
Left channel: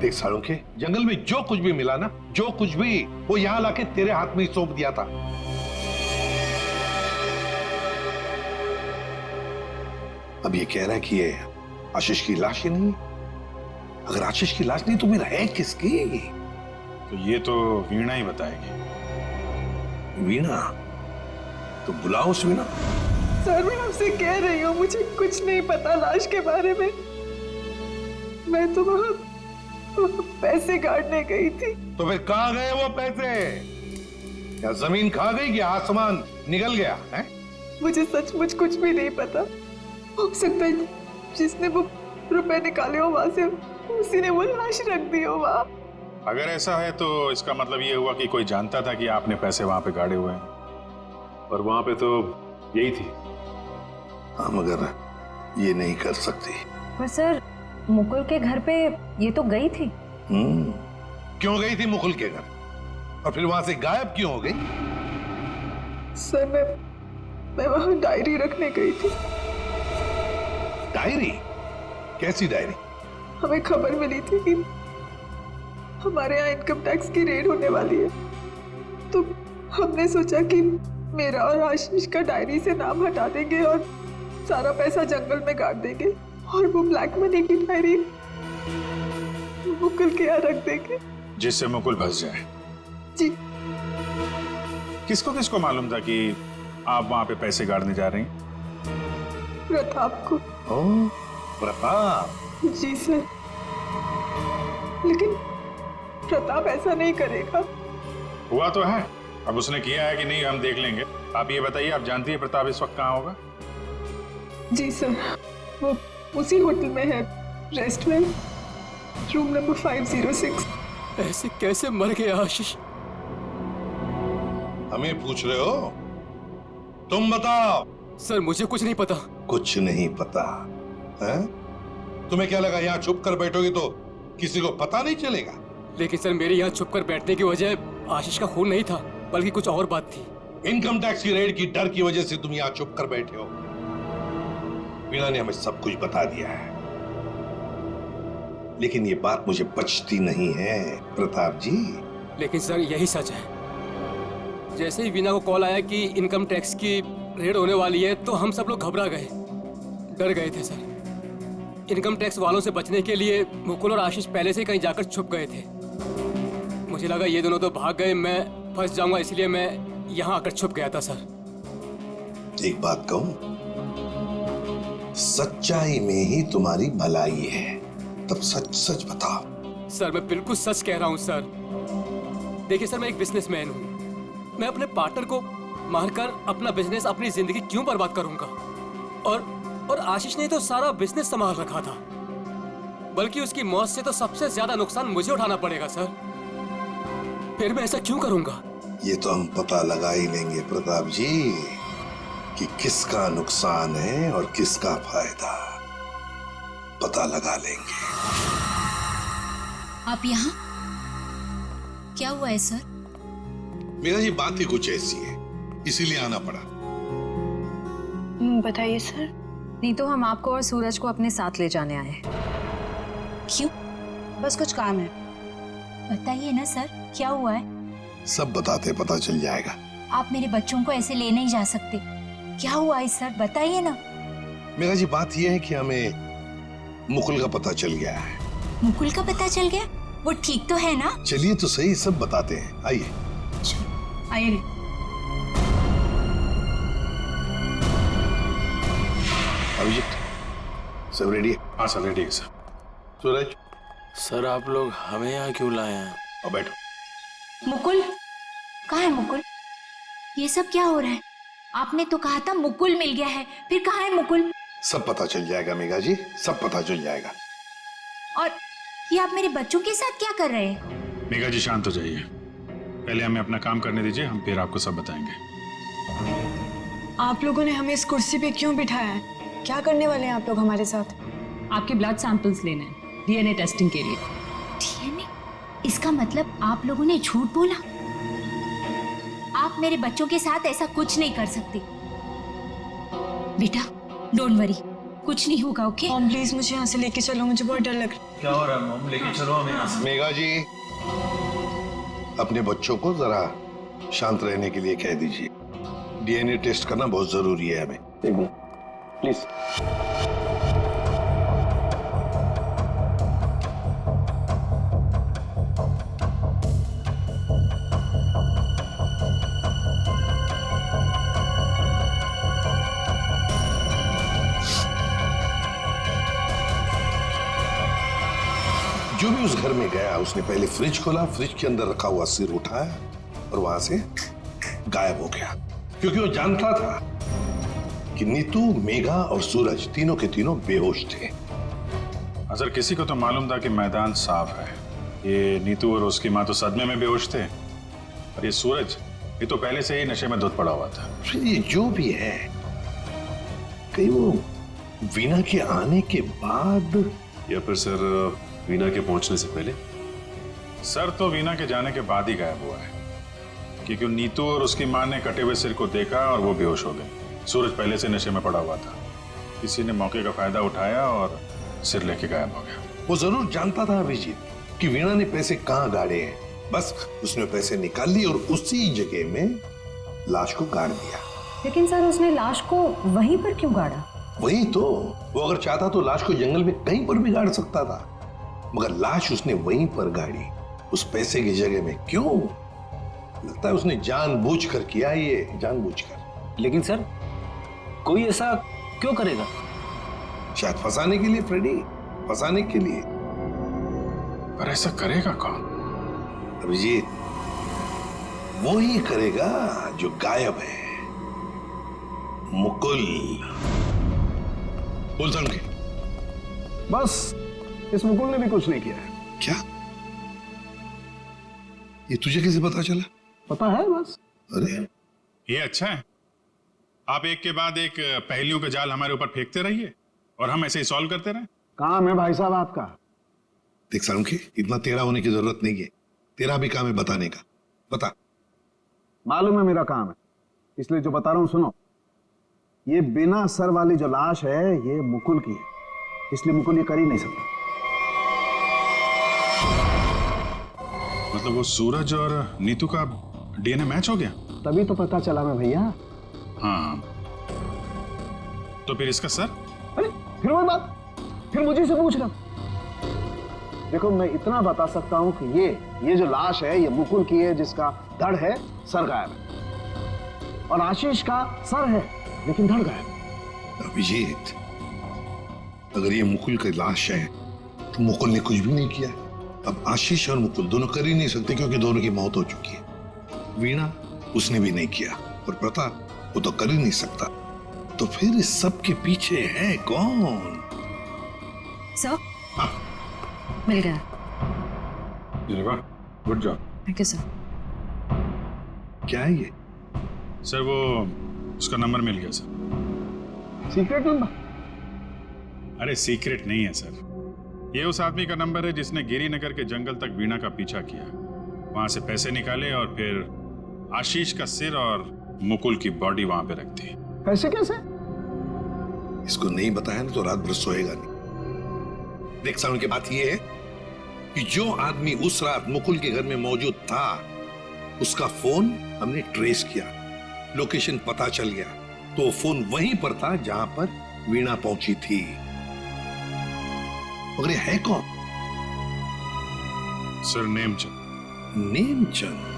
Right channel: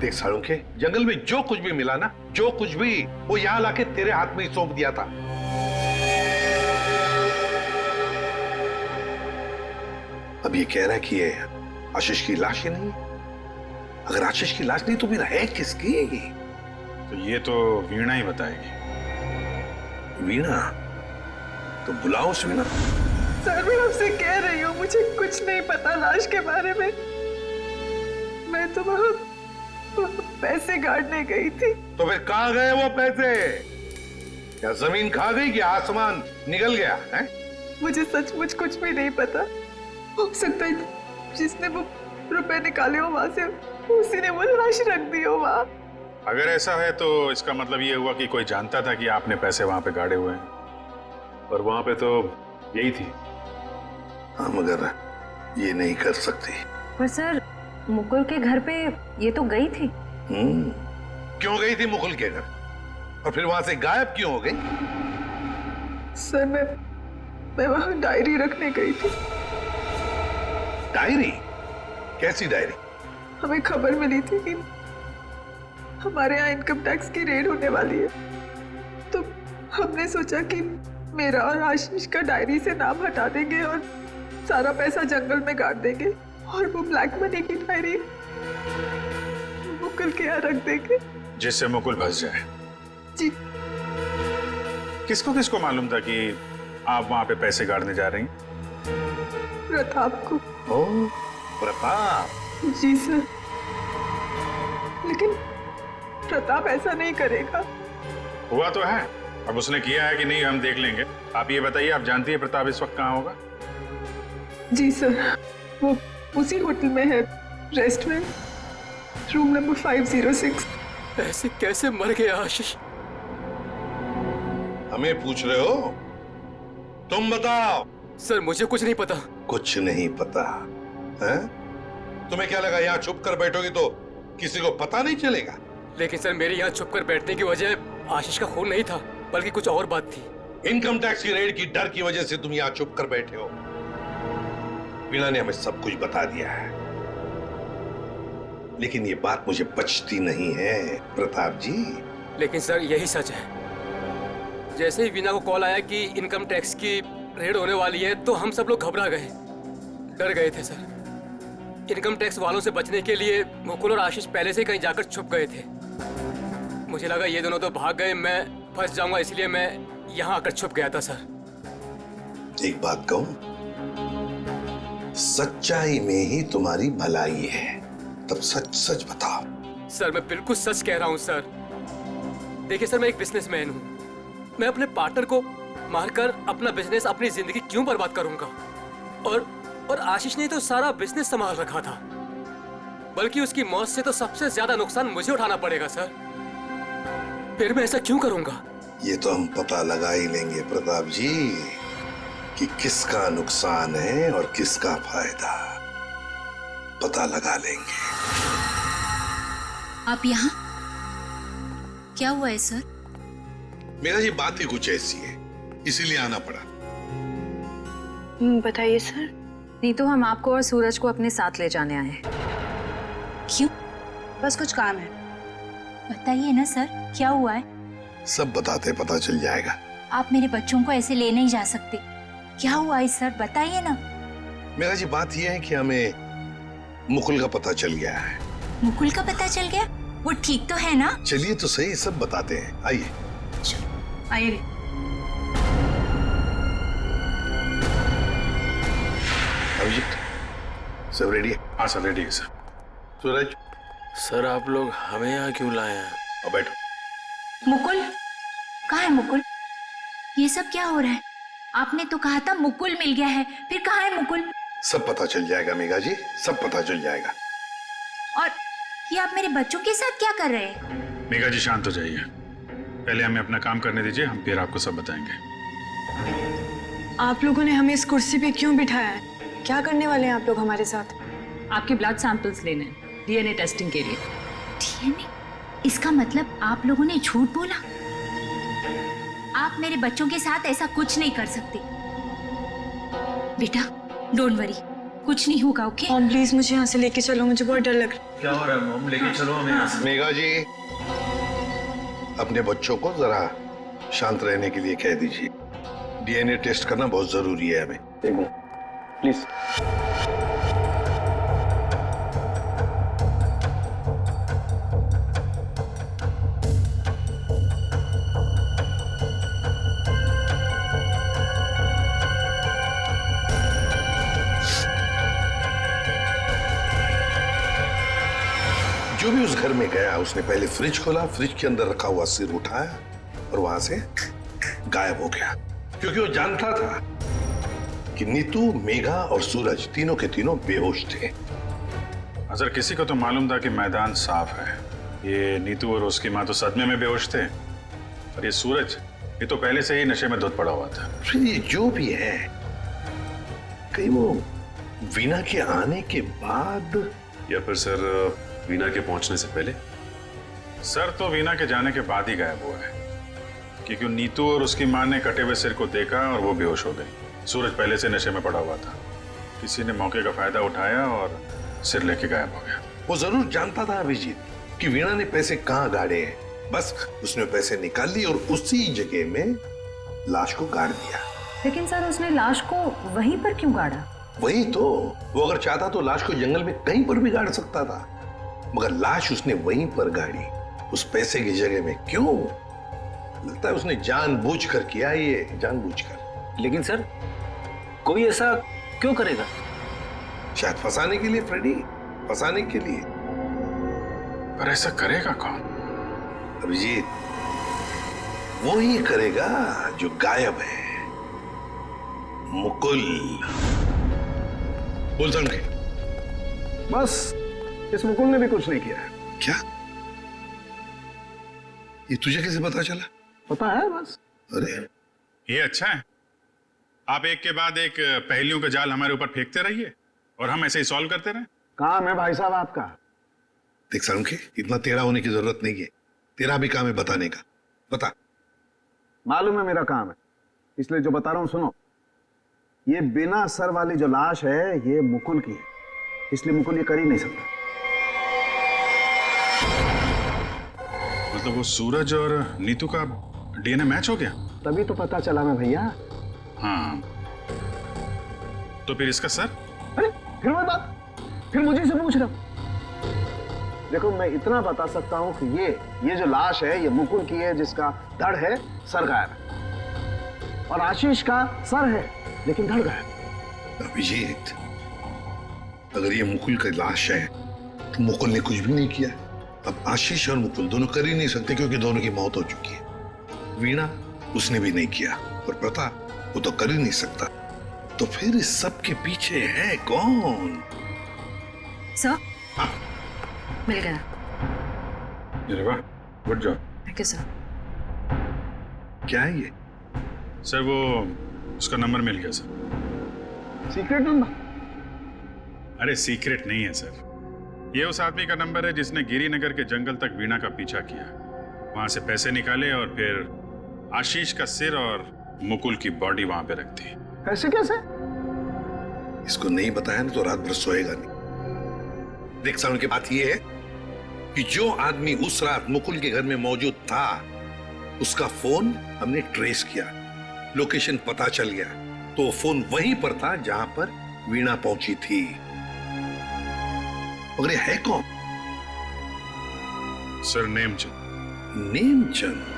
देख साळुंखे, जंगल में जो कुछ भी मिला ना, जो कुछ भी, वो यहाँ लाके तेरे हाथ में ही सौंप दिया था। अब ये कह रहा है कि ये आशीष की लाश ही नहीं है। अगर आशीष की लाश नहीं तो फिर है किसकी? तो ये तो वीणा ही बताएगी। वीणा? तो बुलाओ उस वीणा। सर मैं आपसे कह रही हूँ, मुझे कुछ नहीं पता लाश के बारे में। मैं तो वहां पैसे काटने गई थी। तो फिर कहाँ गए वो पैसे? क्या जमीन खा गई कि आसमान निगल गया है? मुझे सचमुच कुछ भी नहीं पता। हो सकता है जिसने वो रुपए निकाले हो वहां से, उसी ने वो लाश रख दी हो वहां। अगर ऐसा है तो इसका मतलब ये हुआ कि कोई जानता था कि आपने पैसे वहां पे गाड़े हुए हैं, और वहां पे तो यही थी। हाँ, मगर ये नहीं कर सकती। पर सर, मुकुल के घर पे ये तो गई थी। क्यों गई थी मुकुल के घर, और फिर वहां से गायब क्यों हो गई? सर मैं वहां डायरी रखने गई थी। डायरी? कैसी डायरी? हमें खबर मिली थी कि हमारे यहाँ इनकम टैक्स की रेड होने वाली है, तो हमने सोचा कि मेरा और आशीष का डायरी से नाम हटा देंगे और सारा पैसा जंगल में गाड़ देंगे, और वो ब्लैक मनी की डायरी मुकुल के यहाँ रख देंगे, जिससे मुकुल फंस जाए। जी। किसको किसको मालूम था कि आप वहां पे पैसे गाड़ने जा रही हैं? प्रताप को। ओह, प्रताप। जी सर, लेकिन प्रताप ऐसा नहीं करेगा। हुआ तो है, अब उसने किया है कि नहीं हम देख लेंगे। आप ये बताइए, आप जानती है प्रताप इस वक्त कहाँ होगा? जी सर, वो उसी होटल में है, रेस्टोरेंट, रूम नंबर 506। ऐसे कैसे मर गया आशीष? हमें पूछ रहे हो? तुम बताओ। सर मुझे कुछ नहीं पता। कुछ नहीं पता है? तुम्हें क्या लगा यहाँ छुप कर बैठोगी तो किसी को पता नहीं चलेगा? लेकिन सर, मेरे यहाँ छुप कर बैठने की वजह आशीष का खून नहीं था, बल्कि कुछ और बात थी। इनकम टैक्स की रेड की डर की वजह से तुम यहाँ छुप कर बैठे हो। वीणा ने हमें सब कुछ बता दिया है, लेकिन ये बात मुझे पचती नहीं है प्रताप जी। लेकिन सर, यही सच है। जैसे ही वीणा को कॉल आया कि इनकम टैक्स की रेड होने वाली है, तो हम सब लोग घबरा गए, डर गए थे सर। इनकम टैक्स वालों से बचने के लिए मुकुल और आशीष पहले से ही कहीं जाकर छुप गए थे। मुझे लगा ये दोनों तो भाग गए, मैं फंस जाऊंगा, इसलिए मैं यहाँ आकर छुप गया था सर। एक बात कहूं, सच्चाई में ही तुम्हारी भलाई है, तब सच सच बताओ। सर मैं बिल्कुल सच कह रहा हूँ सर। देखिए सर, मैं एक बिजनेसमैन हूँ। मैं अपने पार्टनर को मारकर अपना बिजनेस, अपनी जिंदगी क्यों बर्बाद करूंगा? और आशीष ने तो सारा बिजनेस संभाल रखा था, बल्कि उसकी मौत से तो सबसे ज्यादा नुकसान मुझे उठाना पड़ेगा सर। फिर मैं ऐसा क्यों करूंगा? ये तो हम पता लगा ही लेंगे प्रताप जी कि किसका नुकसान है और किसका फायदा, पता लगा लेंगे। आप यहाँ? क्या हुआ है सर? मेरा जी बात ही कुछ ऐसी है, इसीलिए आना पड़ा। बताइए सर। नहीं तो हम आपको और सूरज को अपने साथ ले जाने आए हैं। क्यों? बस कुछ काम है। बताइए ना सर, क्या हुआ है? सब बताते पता चल जाएगा। आप मेरे बच्चों को ऐसे ले नहीं जा सकते। क्या हुआ है सर, बताइए ना। मेरा जी बात यह है कि हमें मुकुल का पता चल गया है। मुकुल का पता चल गया? वो ठीक तो है ना? चलिए तो सही, सब बताते हैं, आइए। आइए। अभिजीत, सब रेडी है? हाँ सर, रेडी है सर। सूरज। सर आप लोग हमें यहाँ क्यों लाए हैं? अब बैठो। मुकुल कहाँ है? मुकुल, ये सब क्या हो रहा है? आपने तो कहा था मुकुल मिल गया है, फिर कहाँ है मुकुल? सब पता चल जाएगा मेघा जी, सब पता चल जाएगा। और ये आप मेरे बच्चों के साथ क्या कर रहे हैं? मेघा जी शांत हो जाइए, पहले हमें अपना काम करने दीजिए, हम फिर आपको सब बताएंगे। आप लोगों ने हमें इस कुर्सी पे क्यों बिठाया है? क्या करने वाले हैं आप लोग हमारे साथ? आपके ब्लड सैंपल्स लेने हैं डीएनए टेस्टिंग के लिए। डीएनए? इसका मतलब आप लोगों ने झूठ बोला? आप मेरे बच्चों के साथ ऐसा कुछ नहीं कर सकते। बेटा डोंट वरी, कुछ नहीं होगा, ओके? मॉम प्लीज मुझे यहाँ से लेके चलो, मुझे बहुत डर लग रहा है। क्या हो रहा है मॉम? लेके चलो हमें यहाँ से। मेघा जी, अपने बच्चों को जरा शांत रहने के लिए कह दीजिए। डीएनए टेस्ट करना बहुत जरूरी है हमें। एक मिनट प्लीज। जो भी उस घर में गया उसने पहले फ्रिज खोला, फ्रिज के अंदर रखा हुआ सिर उठाया और वहां से गायब हो गया, क्योंकि वो जानता था कि नीतू, मेघा और सूरज तीनों के तीनों बेहोश थे। अगर किसी को तो मालूम था कि मैदान साफ है, ये नीतू और उसकी माँ तो सदमे में बेहोश थे, और ये सूरज, ये तो पहले से ही नशे में धुत पड़ा हुआ था। फिर ये जो भी है, कहीं वो वीना के आने के बाद, या फिर सर वीना के पहुंचने से पहले? सर तो वीना के जाने के बाद ही गायब हुआ है, क्योंकि नीतू और उसकी माँ ने कटे हुए सिर को देखा और वो बेहोश हो गई। सूरज पहले से नशे में पड़ा हुआ था, किसी ने मौके का फायदा उठाया और सिर लेके गायब हो गया। वो जरूर जानता था अभिजीत कि वीणा ने पैसे कहाँ गाड़े हैं, बस उसने पैसे निकाल लिए और उसी जगह में लाश को गाड़ दिया। लेकिन सर उसने लाश को वहीं पर क्यों गाड़ा? वही तो, वो अगर चाहता तो लाश को जंगल में कहीं पर भी गाड़ सकता था, मगर लाश उसने वहीं पर गाड़ी, उस पैसे की जगह में। क्यों? लगता है उसने जानबूझकर किया, ये जानबूझकर। लेकिन सर कोई ऐसा क्यों करेगा? शायद फंसाने के लिए फ्रेडी, फंसाने के लिए। पर ऐसा करेगा कौन? अभिजीत, वो ही करेगा जो गायब है, मुकुल। बोल समझे? बस इस मुकुल ने भी कुछ नहीं किया है। क्या? ये तुझे कैसे पता चला? पता है बस। अरे ये अच्छा है, आप एक के बाद एक पहेलियों का जाल हमारे ऊपर फेंकते रहिए और हम ऐसे ही सॉल्व करते रहे। काम है भाई साहब आपका। देख सारुंखे, इतना टेढ़ा होने की जरूरत नहीं है, तेरा भी काम है बताने का। बता। मालूम है मेरा काम है, इसलिए जो बता रहा हूं सुनो। ये बिना सर वाली जो लाश है ये मुकुल की है, इसलिए मुकुल ये कर ही नहीं सकता। मतलब वो सूरज और नीतू का डीएनए मैच हो गया? तभी तो पता चला ना भैया। हाँ, तो फिर इसका सर? अरे फिर वही बात, फिर मुझे से पूछ रहा। देखो मैं इतना बता सकता हूं कि ये जो लाश है ये मुकुल की है, जिसका धड़ है, सर गायब है। और आशीष का सर है लेकिन धड़ गायब। अभिजीत, अगर ये मुकुल की लाश है तो मुकुल ने कुछ भी नहीं किया। अब आशीष और मुकुल दोनों कर ही नहीं सकते, क्योंकि दोनों की मौत हो चुकी है। वीणा, उसने भी नहीं किया, और प्रताप, वो तो कर ही नहीं सकता। तो फिर इस सब के पीछे है कौन? सर, मिल गया। अरे वाह, good job. Thank you sir. क्या है ये? सर वो उसका नंबर मिल गया सर। Secret number? अरे सीक्रेट नहीं है सर, ये उस आदमी का नंबर है जिसने गिरिनगर के जंगल तक वीणा का पीछा किया, वहां से पैसे निकाले और फिर आशीष का सिर और मुकुल की बॉडी वहां पे रख दी। ऐसे कैसे? इसको नहीं बताया ना तो रात भर सोएगा नहीं। देख सारुण की बात ये है कि जो आदमी उस रात मुकुल के घर में मौजूद था, उसका फोन हमने ट्रेस किया, लोकेशन पता चल गया, तो वो फोन वहीं पर था जहां पर वीणा पहुंची थी। मगर ये है कौन? सर नेमचंद। नेमचंद?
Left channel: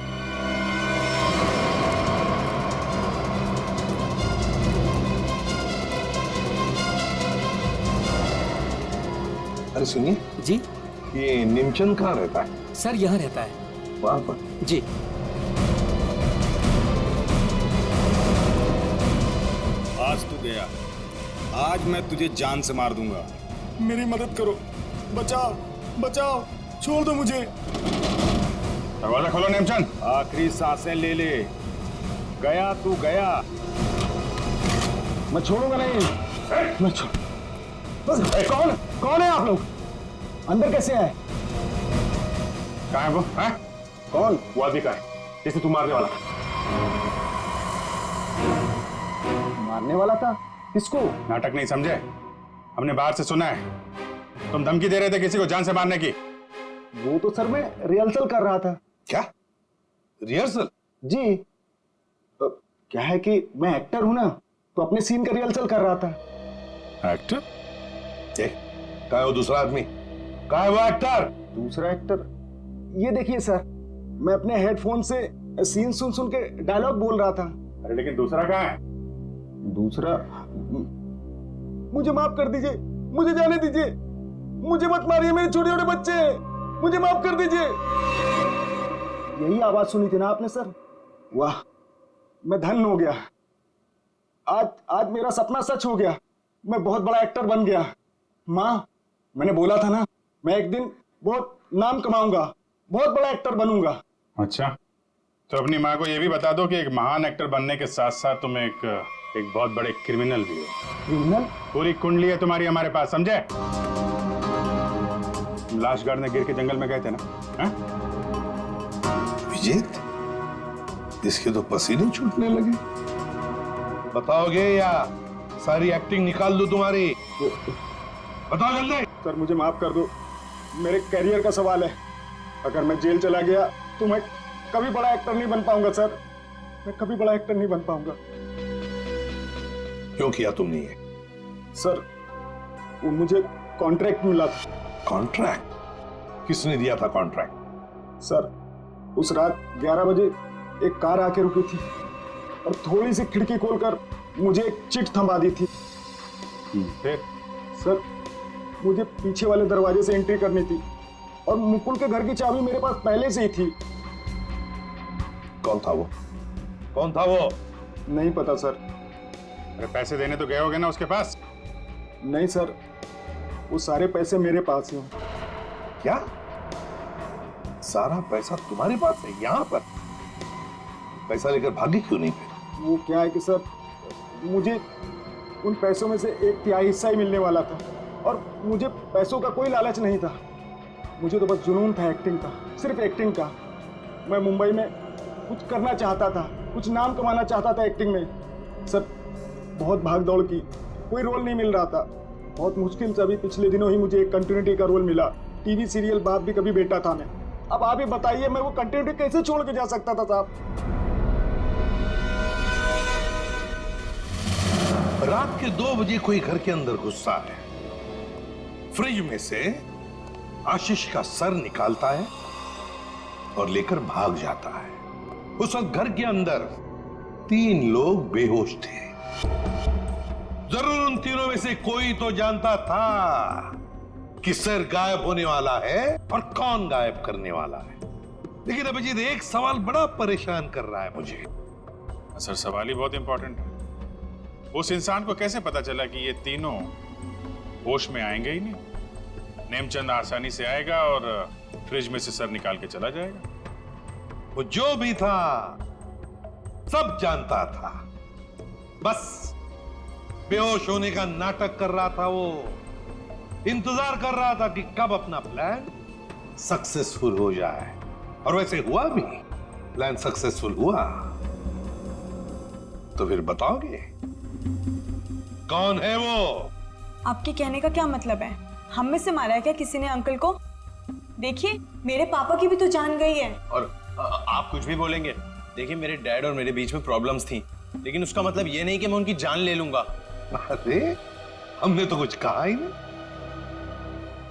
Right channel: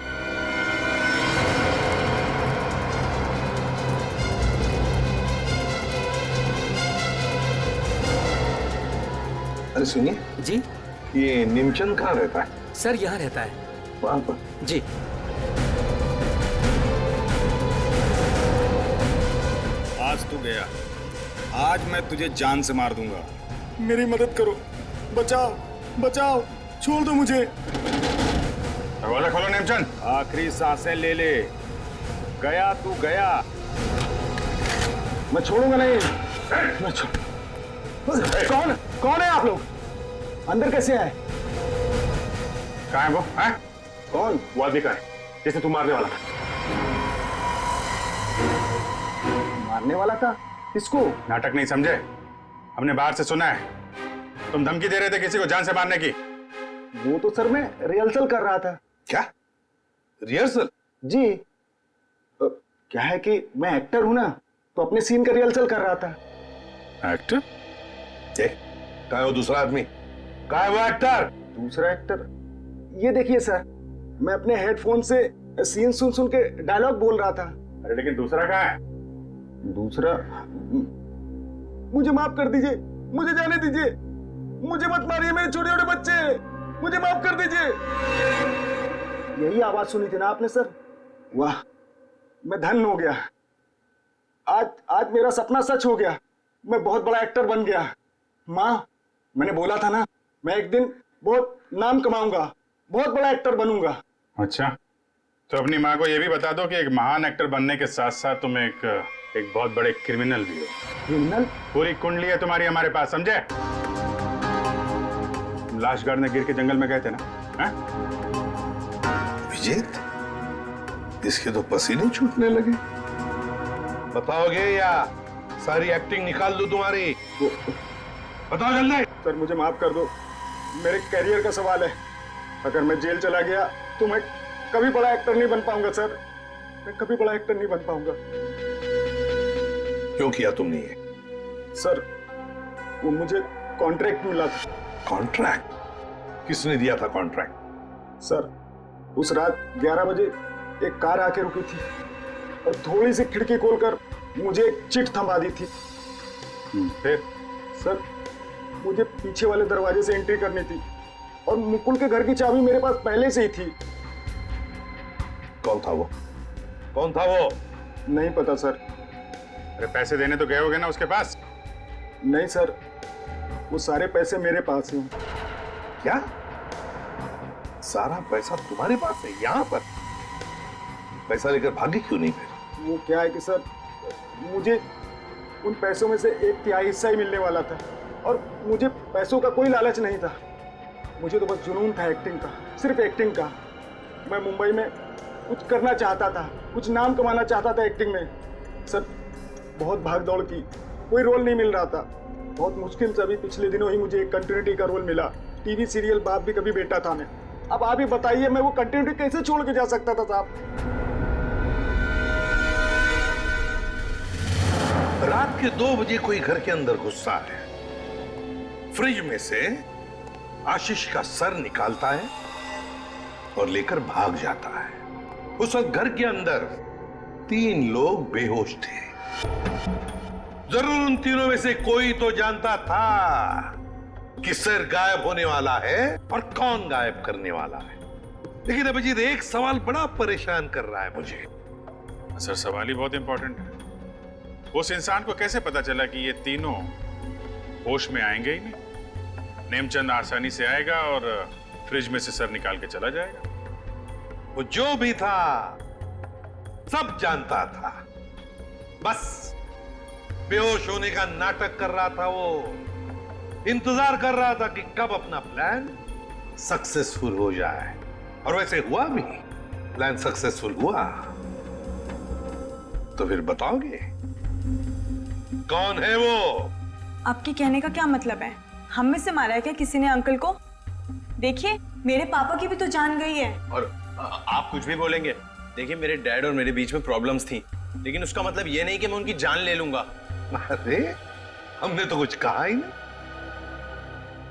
अरे सुनिए जी, ये नेमचंद कहाँ रहता है? सर यहाँ रहता है। वहां पर? जी। आज तू गया, आज मैं तुझे जान से मार दूंगा। मेरी मदद करो, बचाओ बचाओ, छोड़ दो मुझे। दरवाजा खोलो नेमचंद। आखिरी सांसें ले ले, गया तू गया। मैं छोड़ूंगा नहीं। मैं कौन है आप लोग? अंदर कैसे आए? कहाँ है वो? है? कौन? वो आदमी का है जिसे तू मारने वाला था। मारने वाला था? किसको? नाटक नहीं समझे, हमने बाहर से सुना है तुम धमकी दे रहे थे किसी को जान से मारने की। वो तो सर मैं रिहर्सल कर रहा था। क्या रिहर्सल? जी, क्या है कि मैं एक्टर हूं ना, तो अपने सीन का रिहर्सल कर रहा था। एक्टर? कहाँ है वो दूसरा आदमी? कहाँ है वो एक्टर? दूसरा एक्टर? ये देखिए सर, मैं अपने हेडफोन से सीन सुन सुन के डायलॉग बोल रहा था। अरे लेकिन दूसरा कहाँ है? दूसरा? मुझे माफ कर दीजिए, मुझे जाने दीजिए, मुझे मत मारिए, मेरे छोटे छोटे बच्चे हैं, मुझे माफ कर दीजिए। यही आवाज सुनी थी ना आपने सर? वाह, मैं धन्य हो गया। आज मेरा सपना सच हो गया, मैं बहुत बड़ा एक्टर बन गया। माँ, मैंने बोला था ना, मैं एक दिन बहुत नाम कमाऊंगा, बहुत बड़ा एक्टर बनूंगा। अच्छा, तो अपनी माँ को ये भी बता दो कि एक महान एक्टर बनने के साथ साथ तुम एक बहुत बड़े क्रिमिनल भी हो। क्रिमिनल? पूरी कुंडली है तुम्हारी हमारे पास, समझे? तुम लाश गाड़ने गिर के जंगल में गए थे ना? विजेत, इसके तो पसीने छूटने लगे। बताओगे या सारी एक्टिंग निकाल दूं तुम्हारी? बताओ जल्दी। सर मुझे माफ कर दो, मेरे करियर का सवाल है। अगर मैं जेल चला गया तो मैं कभी बड़ा एक्टर नहीं बन पाऊंगा सर, मैं कभी बड़ा एक्टर नहीं बन पाऊंगा। क्यों किया तुमने ये? सर वो मुझे कॉन्ट्रैक्ट मिला था। कॉन्ट्रैक्ट? किसने दिया था कॉन्ट्रैक्ट? सर उस रात 11 बजे एक कार आके रुकी थी और थोड़ी सी खिड़की खोलकर मुझे एक चिट थमा दी थी। फिर? सर मुझे पीछे वाले दरवाजे से एंट्री करनी थी और मुकुल के घर की चाबी मेरे पास पहले से ही थी। कौन था वो? कौन था वो? नहीं पता सर। अरे पैसे देने तो गए होगे ना उसके पास? नहीं सर, वो सारे पैसे मेरे पास ही हैं। क्या? सारा पैसा तुम्हारे पास है यहाँ पर? पैसा लेकर भागी क्यों नहीं फिर? वो क्या है कि सर मुझे उन पैसों में से 1/3 हिस्सा ही मिलने वाला था और मुझे पैसों का कोई लालच नहीं था। मुझे तो बस जुनून था एक्टिंग का, सिर्फ एक्टिंग का। मैं मुंबई में कुछ करना चाहता था, कुछ नाम कमाना चाहता था एक्टिंग में। सर बहुत भाग दौड़ की, कोई रोल नहीं मिल रहा था। बहुत मुश्किल से अभी पिछले दिनों ही मुझे एक कंटिन्यूटी का रोल मिला। टीवी सीरियल बाप भी कभी बेटा था में। अब आप ही बताइए मैं वो कंटिन्यूटी कैसे छोड़ के जा सकता था साहब? रात के 2 बजे कोई घर के अंदर घुसता है, फ्रिज में से आशीष का सर निकालता है और लेकर भाग जाता है। उस वक्त घर के अंदर 3 लोग बेहोश थे। जरूर उन तीनों में से कोई तो जानता था कि सर गायब होने वाला है और कौन गायब करने वाला है। लेकिन अभिजीत एक सवाल बड़ा परेशान कर रहा है मुझे। सर सवाल ही बहुत इंपॉर्टेंट है। उस इंसान को कैसे पता चला कि ये तीनों होश में आएंगे ही नहीं? नेमचंद आसानी से आएगा और फ्रिज में से सर निकाल के चला जाएगा। वो जो भी था सब जानता था, बस बेहोश होने का नाटक कर रहा था। वो इंतजार कर रहा था कि कब अपना प्लान सक्सेसफुल हो जाए, और वैसे हुआ भी। प्लान सक्सेसफुल हुआ। तो फिर बताओगे कौन है वो? आपके कहने का क्या मतलब है? हम में से मारा है क्या किसी ने अंकल को? देखिए मेरे पापा की भी तो जान गई है। और आप कुछ भी बोलेंगे। देखिए मेरे डैड और मेरे बीच में प्रॉब्लम्स थी, लेकिन उसका मतलब ये नहीं कि मैं उनकी जान ले लूंगा। अरे हमने तो कुछ कहा ही नहीं।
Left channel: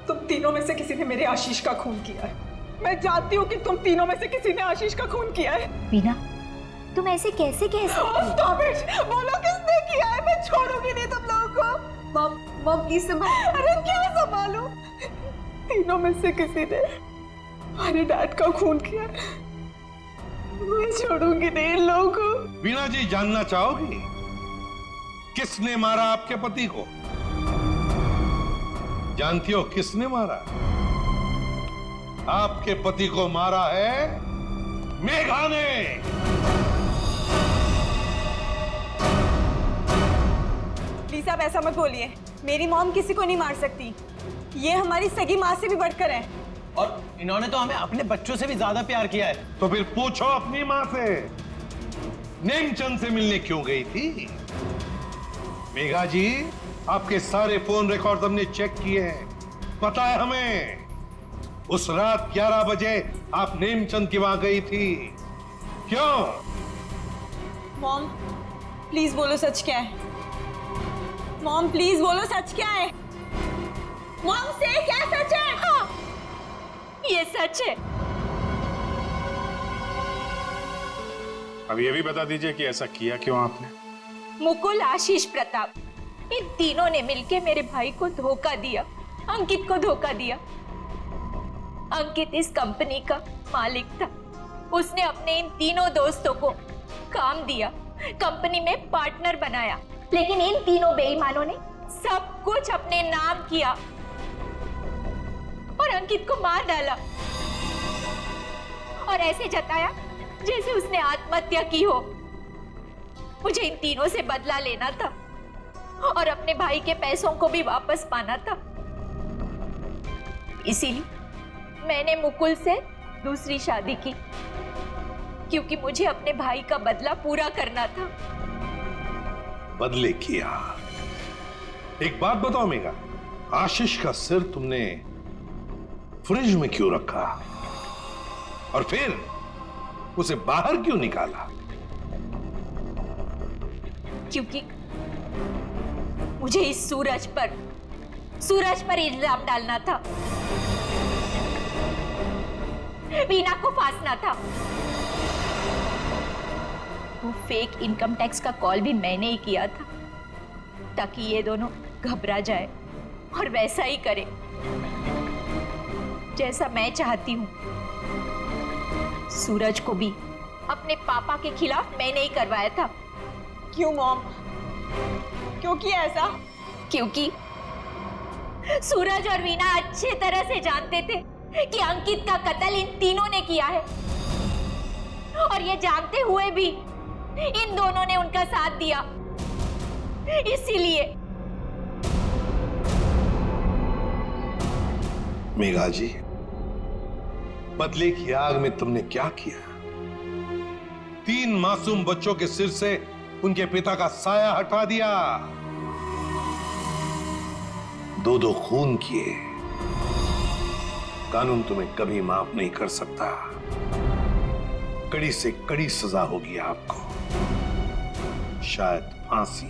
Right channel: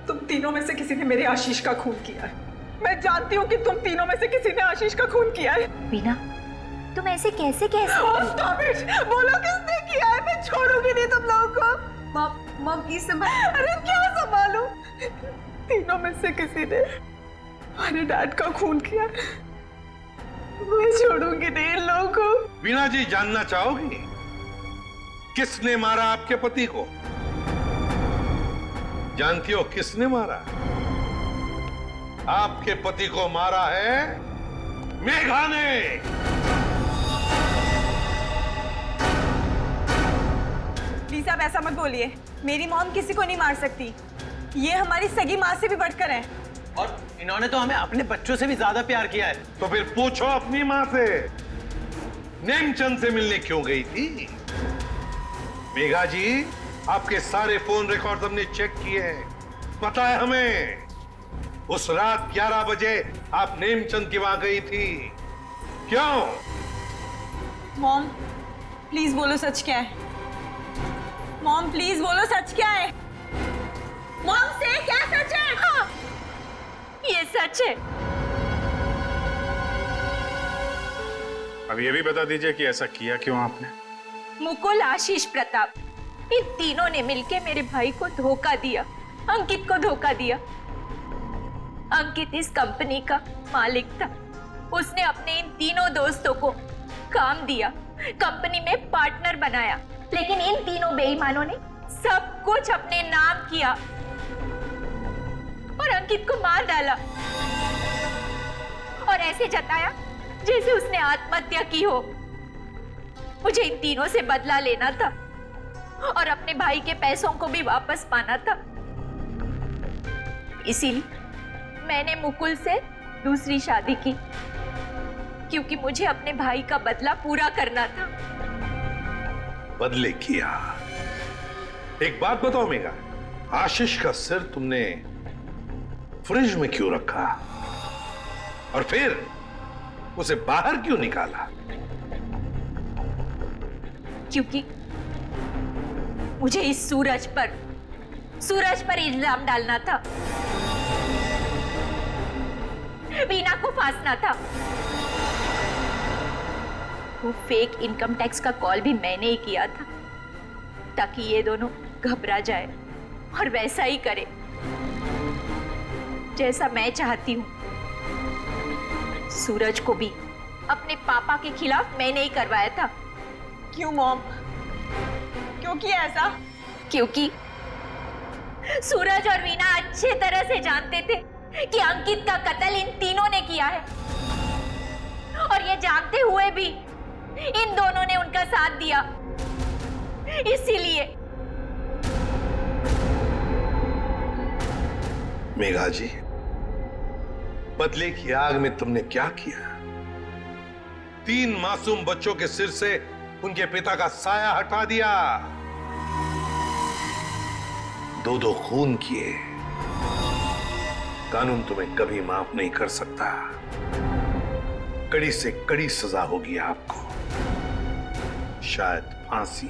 तुम तीनों में से किसी ने मेरे आशीष का खून किया है। मैं जानती हूँ कि तुम तीनों में से किसी ने आशीष का खून किया है। वीना, तुम ऐसे कैसे कह सकती हो? बोलो किसने किया है? मैं छोड़ूंगी नहीं तुम लोगों को। मॉम प्लीज संभाल। अरे क्या संभालूं? तीनों में से किसी ने हमारे डैड का खून किया। मैं छोड़ूंगी नहीं इन लोगों को। वीणा जी, जानना चाहोगी किसने मारा आपके पति को? जानती हो किसने मारा? आपके पति को मारा है मेघा ने। प्लीज आप ऐसा मत बोलिए। मेरी मॉम किसी को नहीं मार सकती। ये हमारी सगी माँ से भी बढ़कर है। और इन्होंने तो हमें अपने बच्चों से भी ज्यादा प्यार किया है। तो फिर पूछो अपनी माँ से, नेमचंद से मिलने क्यों गई थी? मेघा जी, आपके सारे फोन रिकॉर्ड हमने चेक किए हैं। पता है हमें उस रात 11 बजे आप नेमचंद की वहां गई थी। क्यों? मॉम प्लीज बोलो सच क्या है? मॉम प्लीज बोलो सच क्या है? मॉम से क्या सच है? हाँ, ये सच है। अब ये भी बता दीजिए कि ऐसा किया क्यों आपने? मुकुल, आशीष, प्रताप, इन तीनों ने मिलके मेरे भाई को धोखा दिया, अंकित को धोखा दिया। अंकित इस कंपनी का मालिक था। उसने अपने इन तीनों दोस्तों को काम दिया, कंपनी में पार्टनर बनाया, लेकिन इन तीनों बेईमानों ने सब कुछ अपने नाम किया और अंकित को मार डाला और ऐसे जताया जैसे उसने आत्महत्या की हो। मुझे इन तीनों से बदला लेना था और अपने भाई के पैसों को भी वापस पाना था। इसीलिए मैंने मुकुल से दूसरी शादी की, क्योंकि मुझे अपने भाई का बदला पूरा करना था। बदले किया। एक बात बताओ मेघा, आशीष का सिर तुमने फ्रिज में क्यों रखा और फिर उसे बाहर क्यों निकाला? क्योंकि मुझे इस सूरज पर इल्जाम डालना था, वीना को फांसना था। वो फेक इनकम टैक्स का कॉल भी मैंने ही किया था ताकि ये दोनों घबरा जाए और वैसा ही करे जैसा मैं चाहती हूं। सूरज को भी अपने पापा के खिलाफ मैंने ही करवाया था। क्यों मॉम? क्यों किया ऐसा? क्योंकि सूरज और वीना अच्छे तरह से जानते थे कि अंकित का कत्ल इन तीनों ने किया है, और ये जानते हुए भी इन दोनों ने उनका साथ दिया। इसीलिए मेघा जी, बदले की आग में तुमने क्या किया? 3 मासूम बच्चों के सिर से उनके पिता का साया हटा दिया, 2 खून किए। कानून तुम्हें कभी माफ नहीं कर सकता। कड़ी से कड़ी सजा होगी आपको, शायद फांसी।